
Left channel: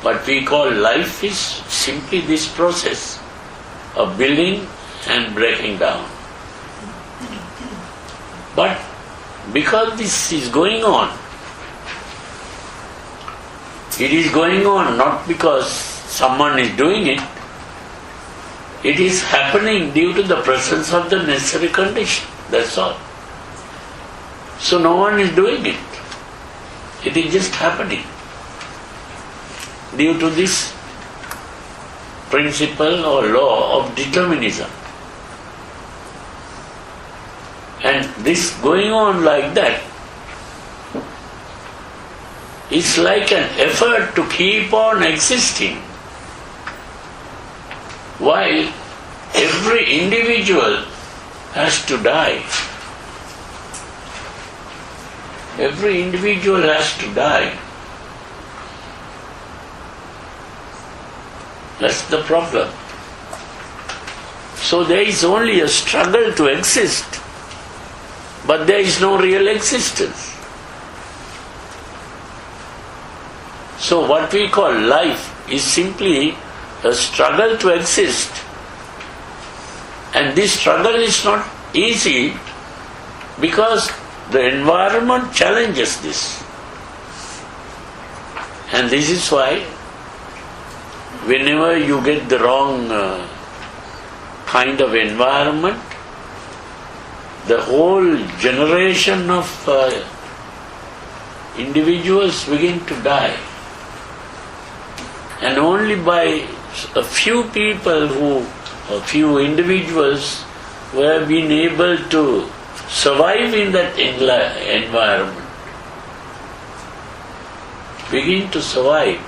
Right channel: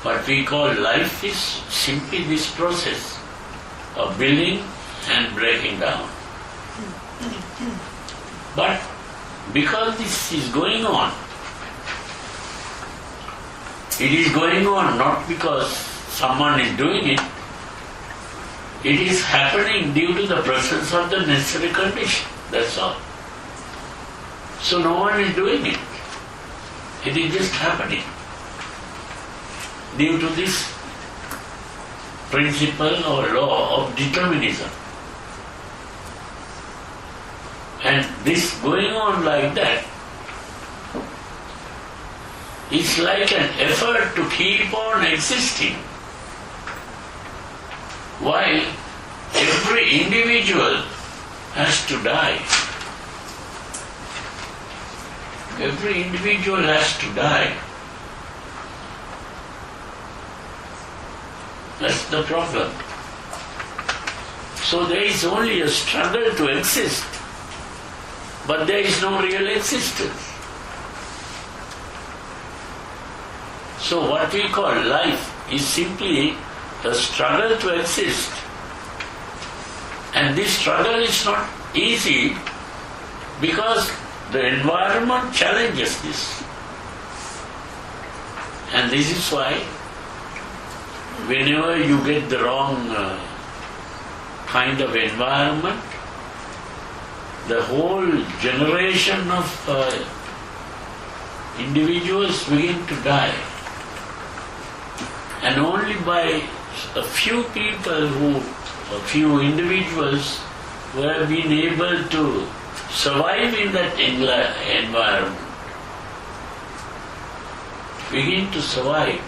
What we call life is simply this process of building and breaking down. But because this is going on, it is going on not because someone is doing it, it is happening due to the presence of the necessary condition. That's all. So no one is doing it. It is just happening due to this principle or law of determinism. And this going on like that is like an effort to keep on existing, while every individual has to die. Every individual has to die. That's the problem. So there is only a struggle to exist, but there is no real existence. So what we call life is simply a struggle to exist. And this struggle is not easy because the environment challenges this. And this is why whenever you get the wrong kind of environment, the whole generation of individuals begin to die. And only by a few people a few individuals who have been able to survive in that environment, begin to survive.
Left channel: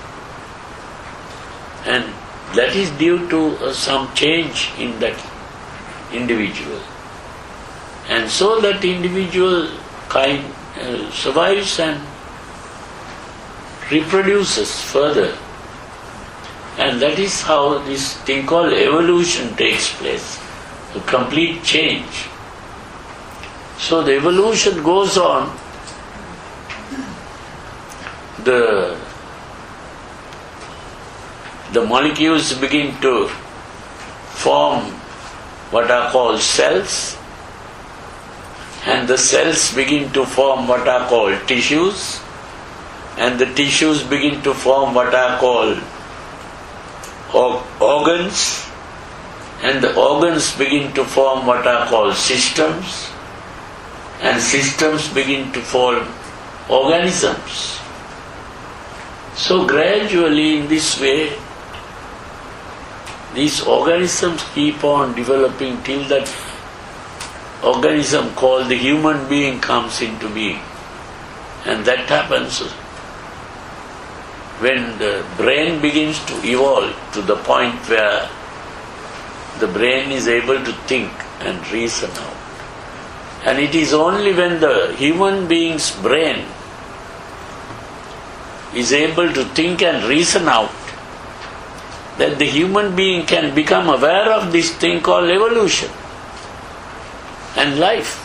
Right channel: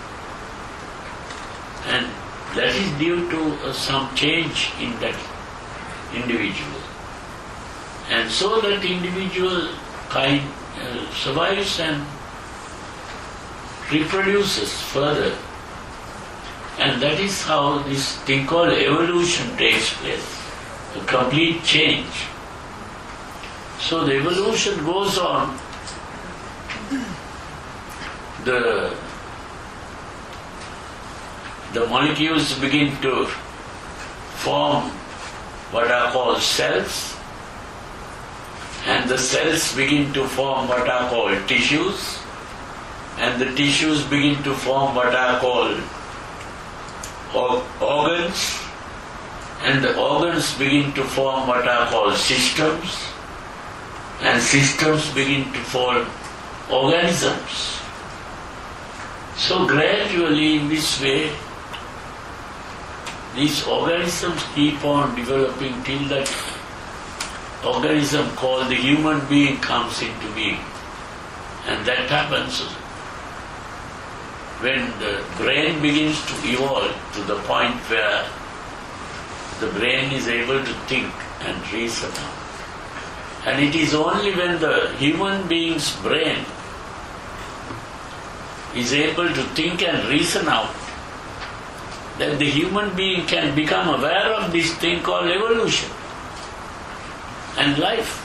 And that is due to some change in that individual. And so that individual kind survives and reproduces further. And that is how this thing called evolution takes place, a complete change. So the evolution goes on. The molecules begin to form what are called cells, and the cells begin to form what are called tissues, and the tissues begin to form what are called organs, and the organs begin to form what are called systems, and systems begin to form organisms. So gradually in this way, these organisms keep on developing till that organism called the human being comes into being. And that happens when the brain begins to evolve to the point where the brain is able to think and reason out. And it is only when the human being's brain is able to think and reason out that the human being can become aware of this thing called evolution and life.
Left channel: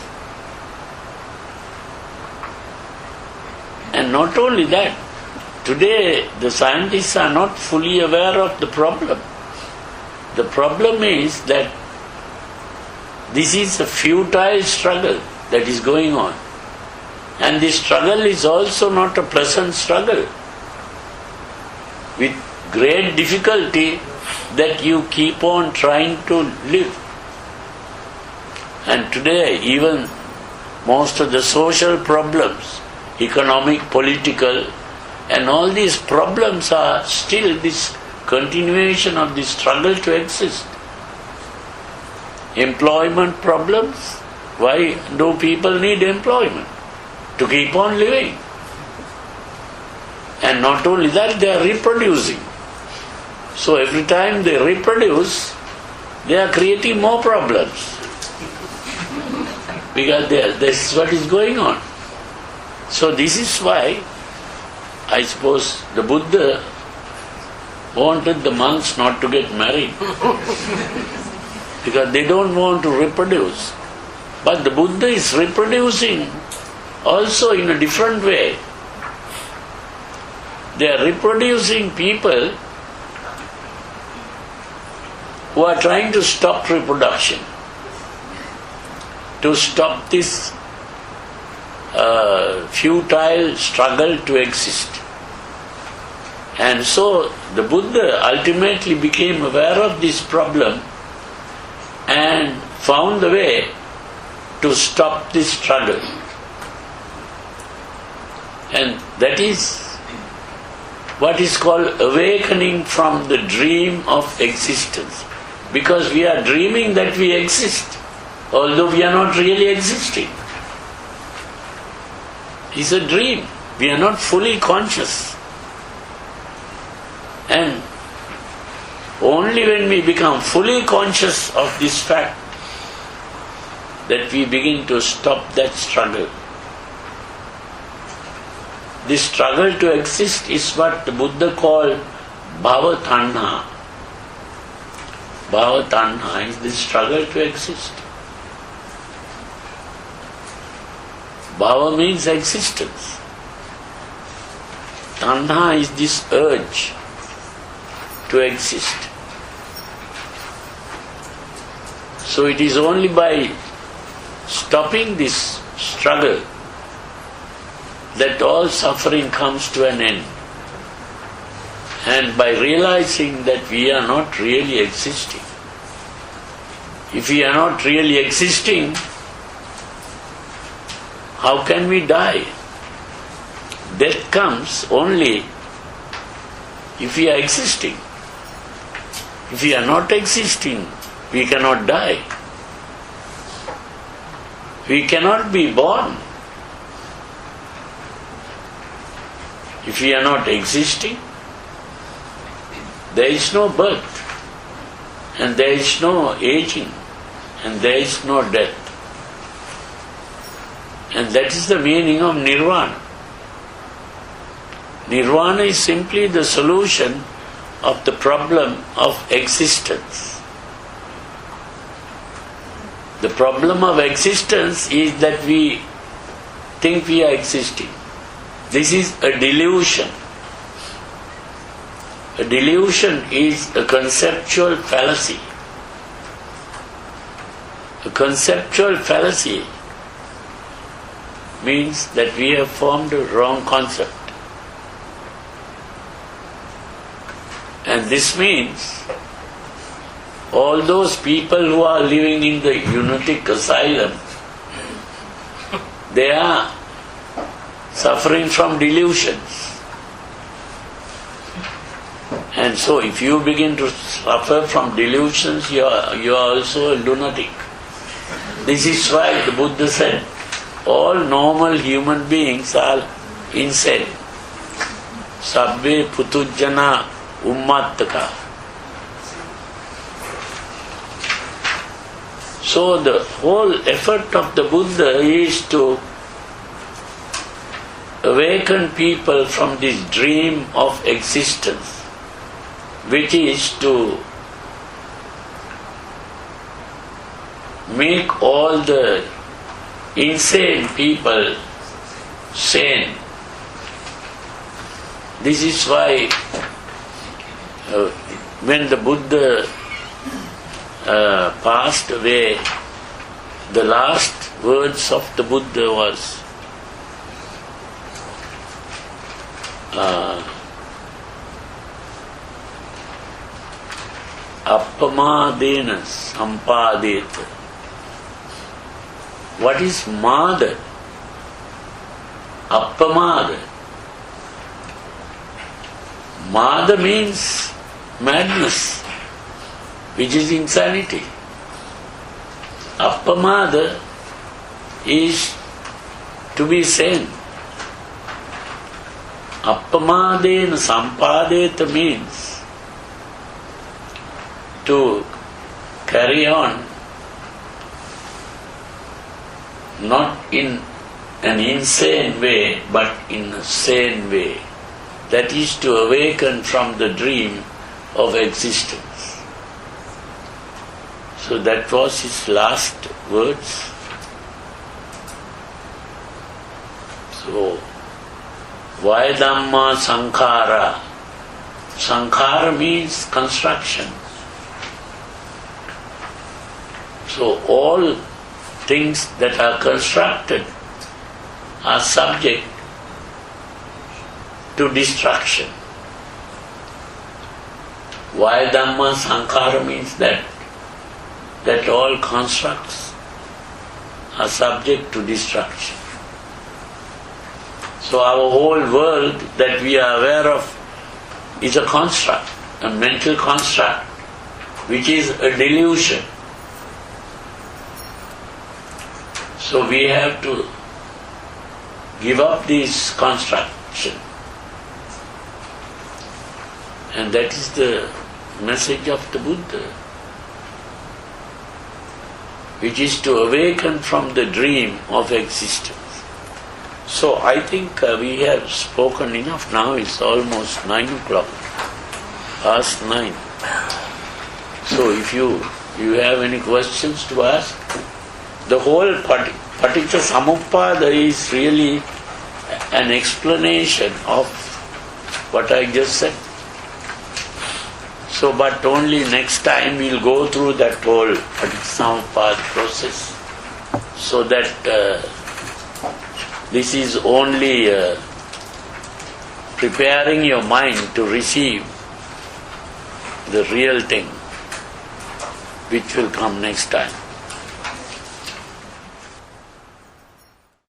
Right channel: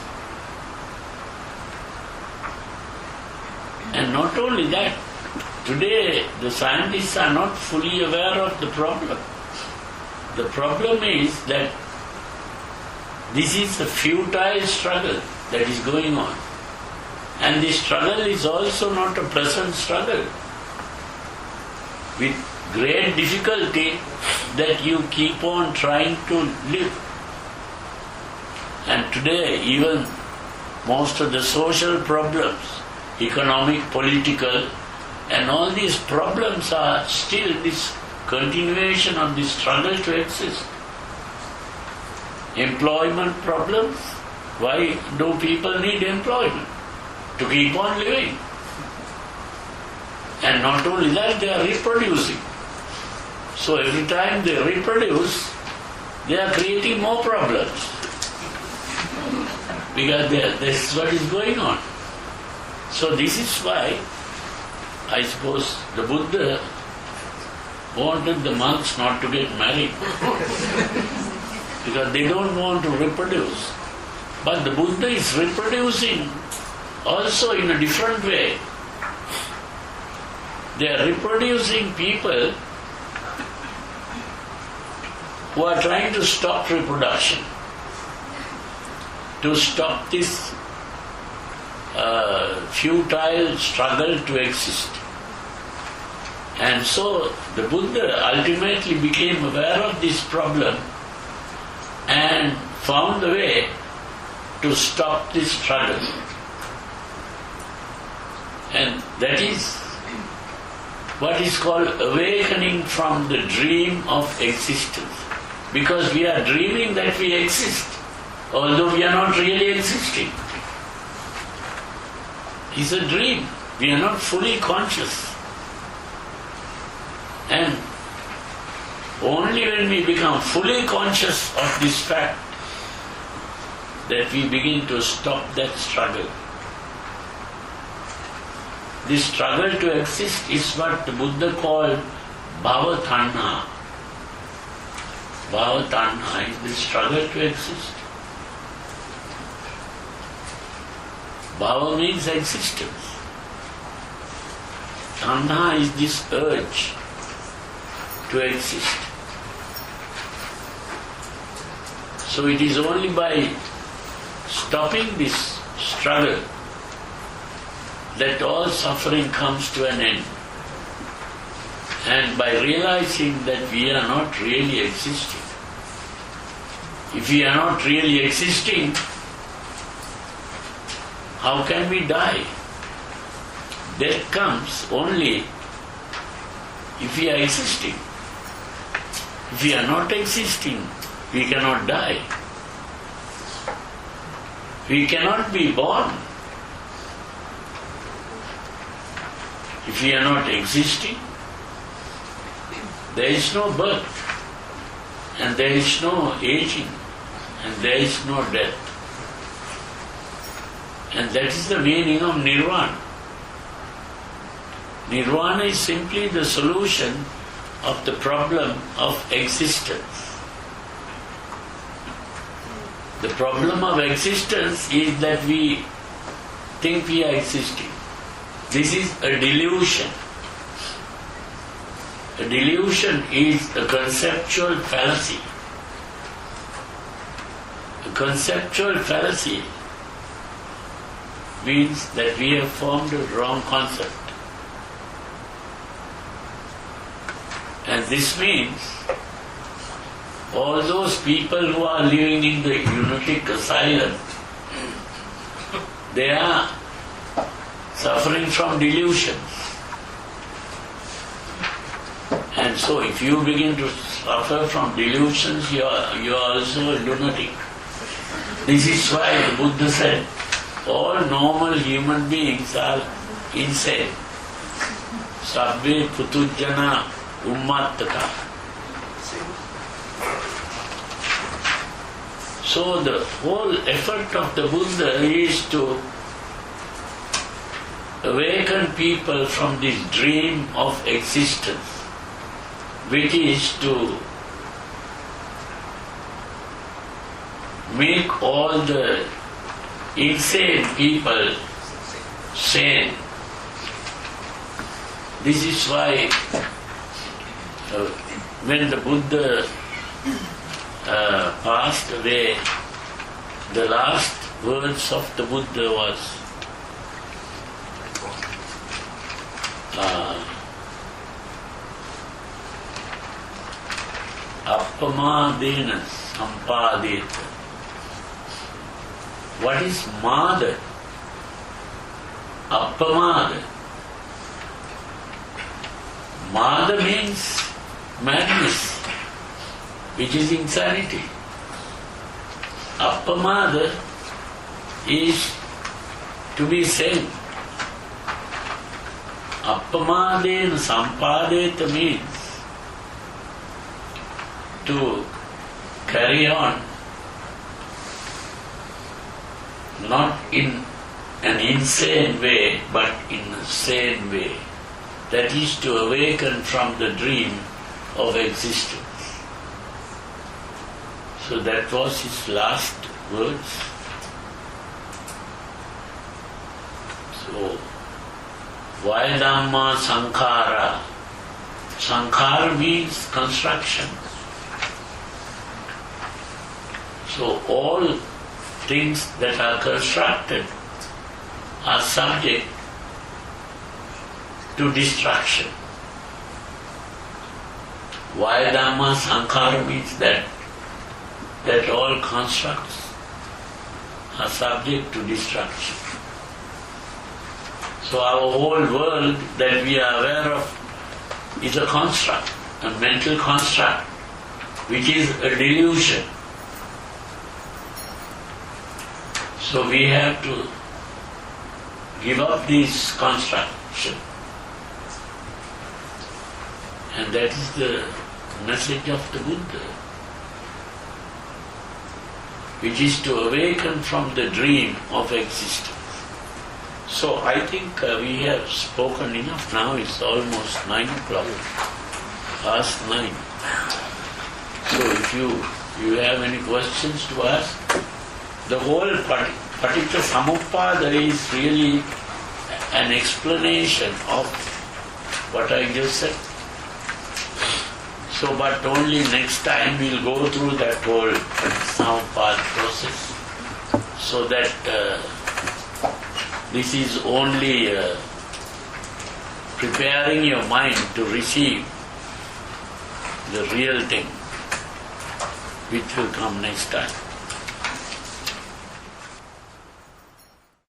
And not only that, today the scientists are not fully aware of the problem. The problem is that this is a futile struggle that is going on. And this struggle is also not a pleasant struggle. With great difficulty that you keep on trying to live. And today even most of the social problems, economic, political, and all these problems are still this continuation of the struggle to exist. Employment problems, why do people need employment? To keep on living. And not only that, they are reproducing. So every time they reproduce, they are creating more problems. Because this is what is going on. So this is why, I suppose, the Buddha wanted the monks not to get married. Because they don't want to reproduce. But the Buddha is reproducing also in a different way. They are reproducing people who are trying to stop reproduction, to stop this futile struggle to exist. And so the Buddha ultimately became aware of this problem and found the way to stop this struggle. And that is what is called awakening from the dream of existence. Because we are dreaming that we exist, although we are not really existing. It's a dream. We are not fully conscious. And only when we become fully conscious of this fact that we begin to stop that struggle. This struggle to exist is what the Buddha called bhava tanha. Bhava tanha is the struggle to exist. Bhava means existence. Tanha is this urge to exist. So it is only by stopping this struggle that all suffering comes to an end. And by realizing that we are not really existing. If we are not really existing, how can we die? Death comes only if we are existing. If we are not existing, we cannot die. We cannot be born. If we are not existing, there is no birth, and there is no aging, and there is no death. And that is the meaning of nirvana. Nirvana is simply the solution of the problem of existence. The problem of existence is that we think we are existing. This is a delusion. A delusion is a conceptual fallacy. A conceptual fallacy means that we have formed a wrong concept. And this means all those people who are living in the lunatic asylum, they are suffering from delusions. And so if you begin to suffer from delusions, you are also a lunatic. This is why the Buddha said, all normal human beings are insane. Sabbe putujjana ummattaka. So the whole effort of the Buddha is to awaken people from this dream of existence, which is to make all the insane people sane. This is why when the Buddha passed away, the last words of the Buddha was appamadena sampadeta. What is mada? Appamada. Mada means madness, which is insanity. Appamada is to be sane. Appamadena sampadeta means to carry on not in an insane way, but in a sane way. That is to awaken from the dream of existence. So that was his last words. So, why Dhamma Sankhara? Sankhara means construction. So all things that are constructed are subject to destruction. Why Dhamma Sankhara means that all constructs are subject to destruction. So our whole world that we are aware of is a construct, a mental construct, which is a delusion. So we have to give up this construction. And that is the message of the Buddha, which is to awaken from the dream of existence. So I think we have spoken enough now. It's almost 9 o'clock, past 9. So if you have any questions to ask, the whole Paticca Samuppada is really an explanation of what I just said. So, but only next time we'll go through that whole Paticca Samuppada process, so that this is only preparing your mind to receive the real thing, which will come next time.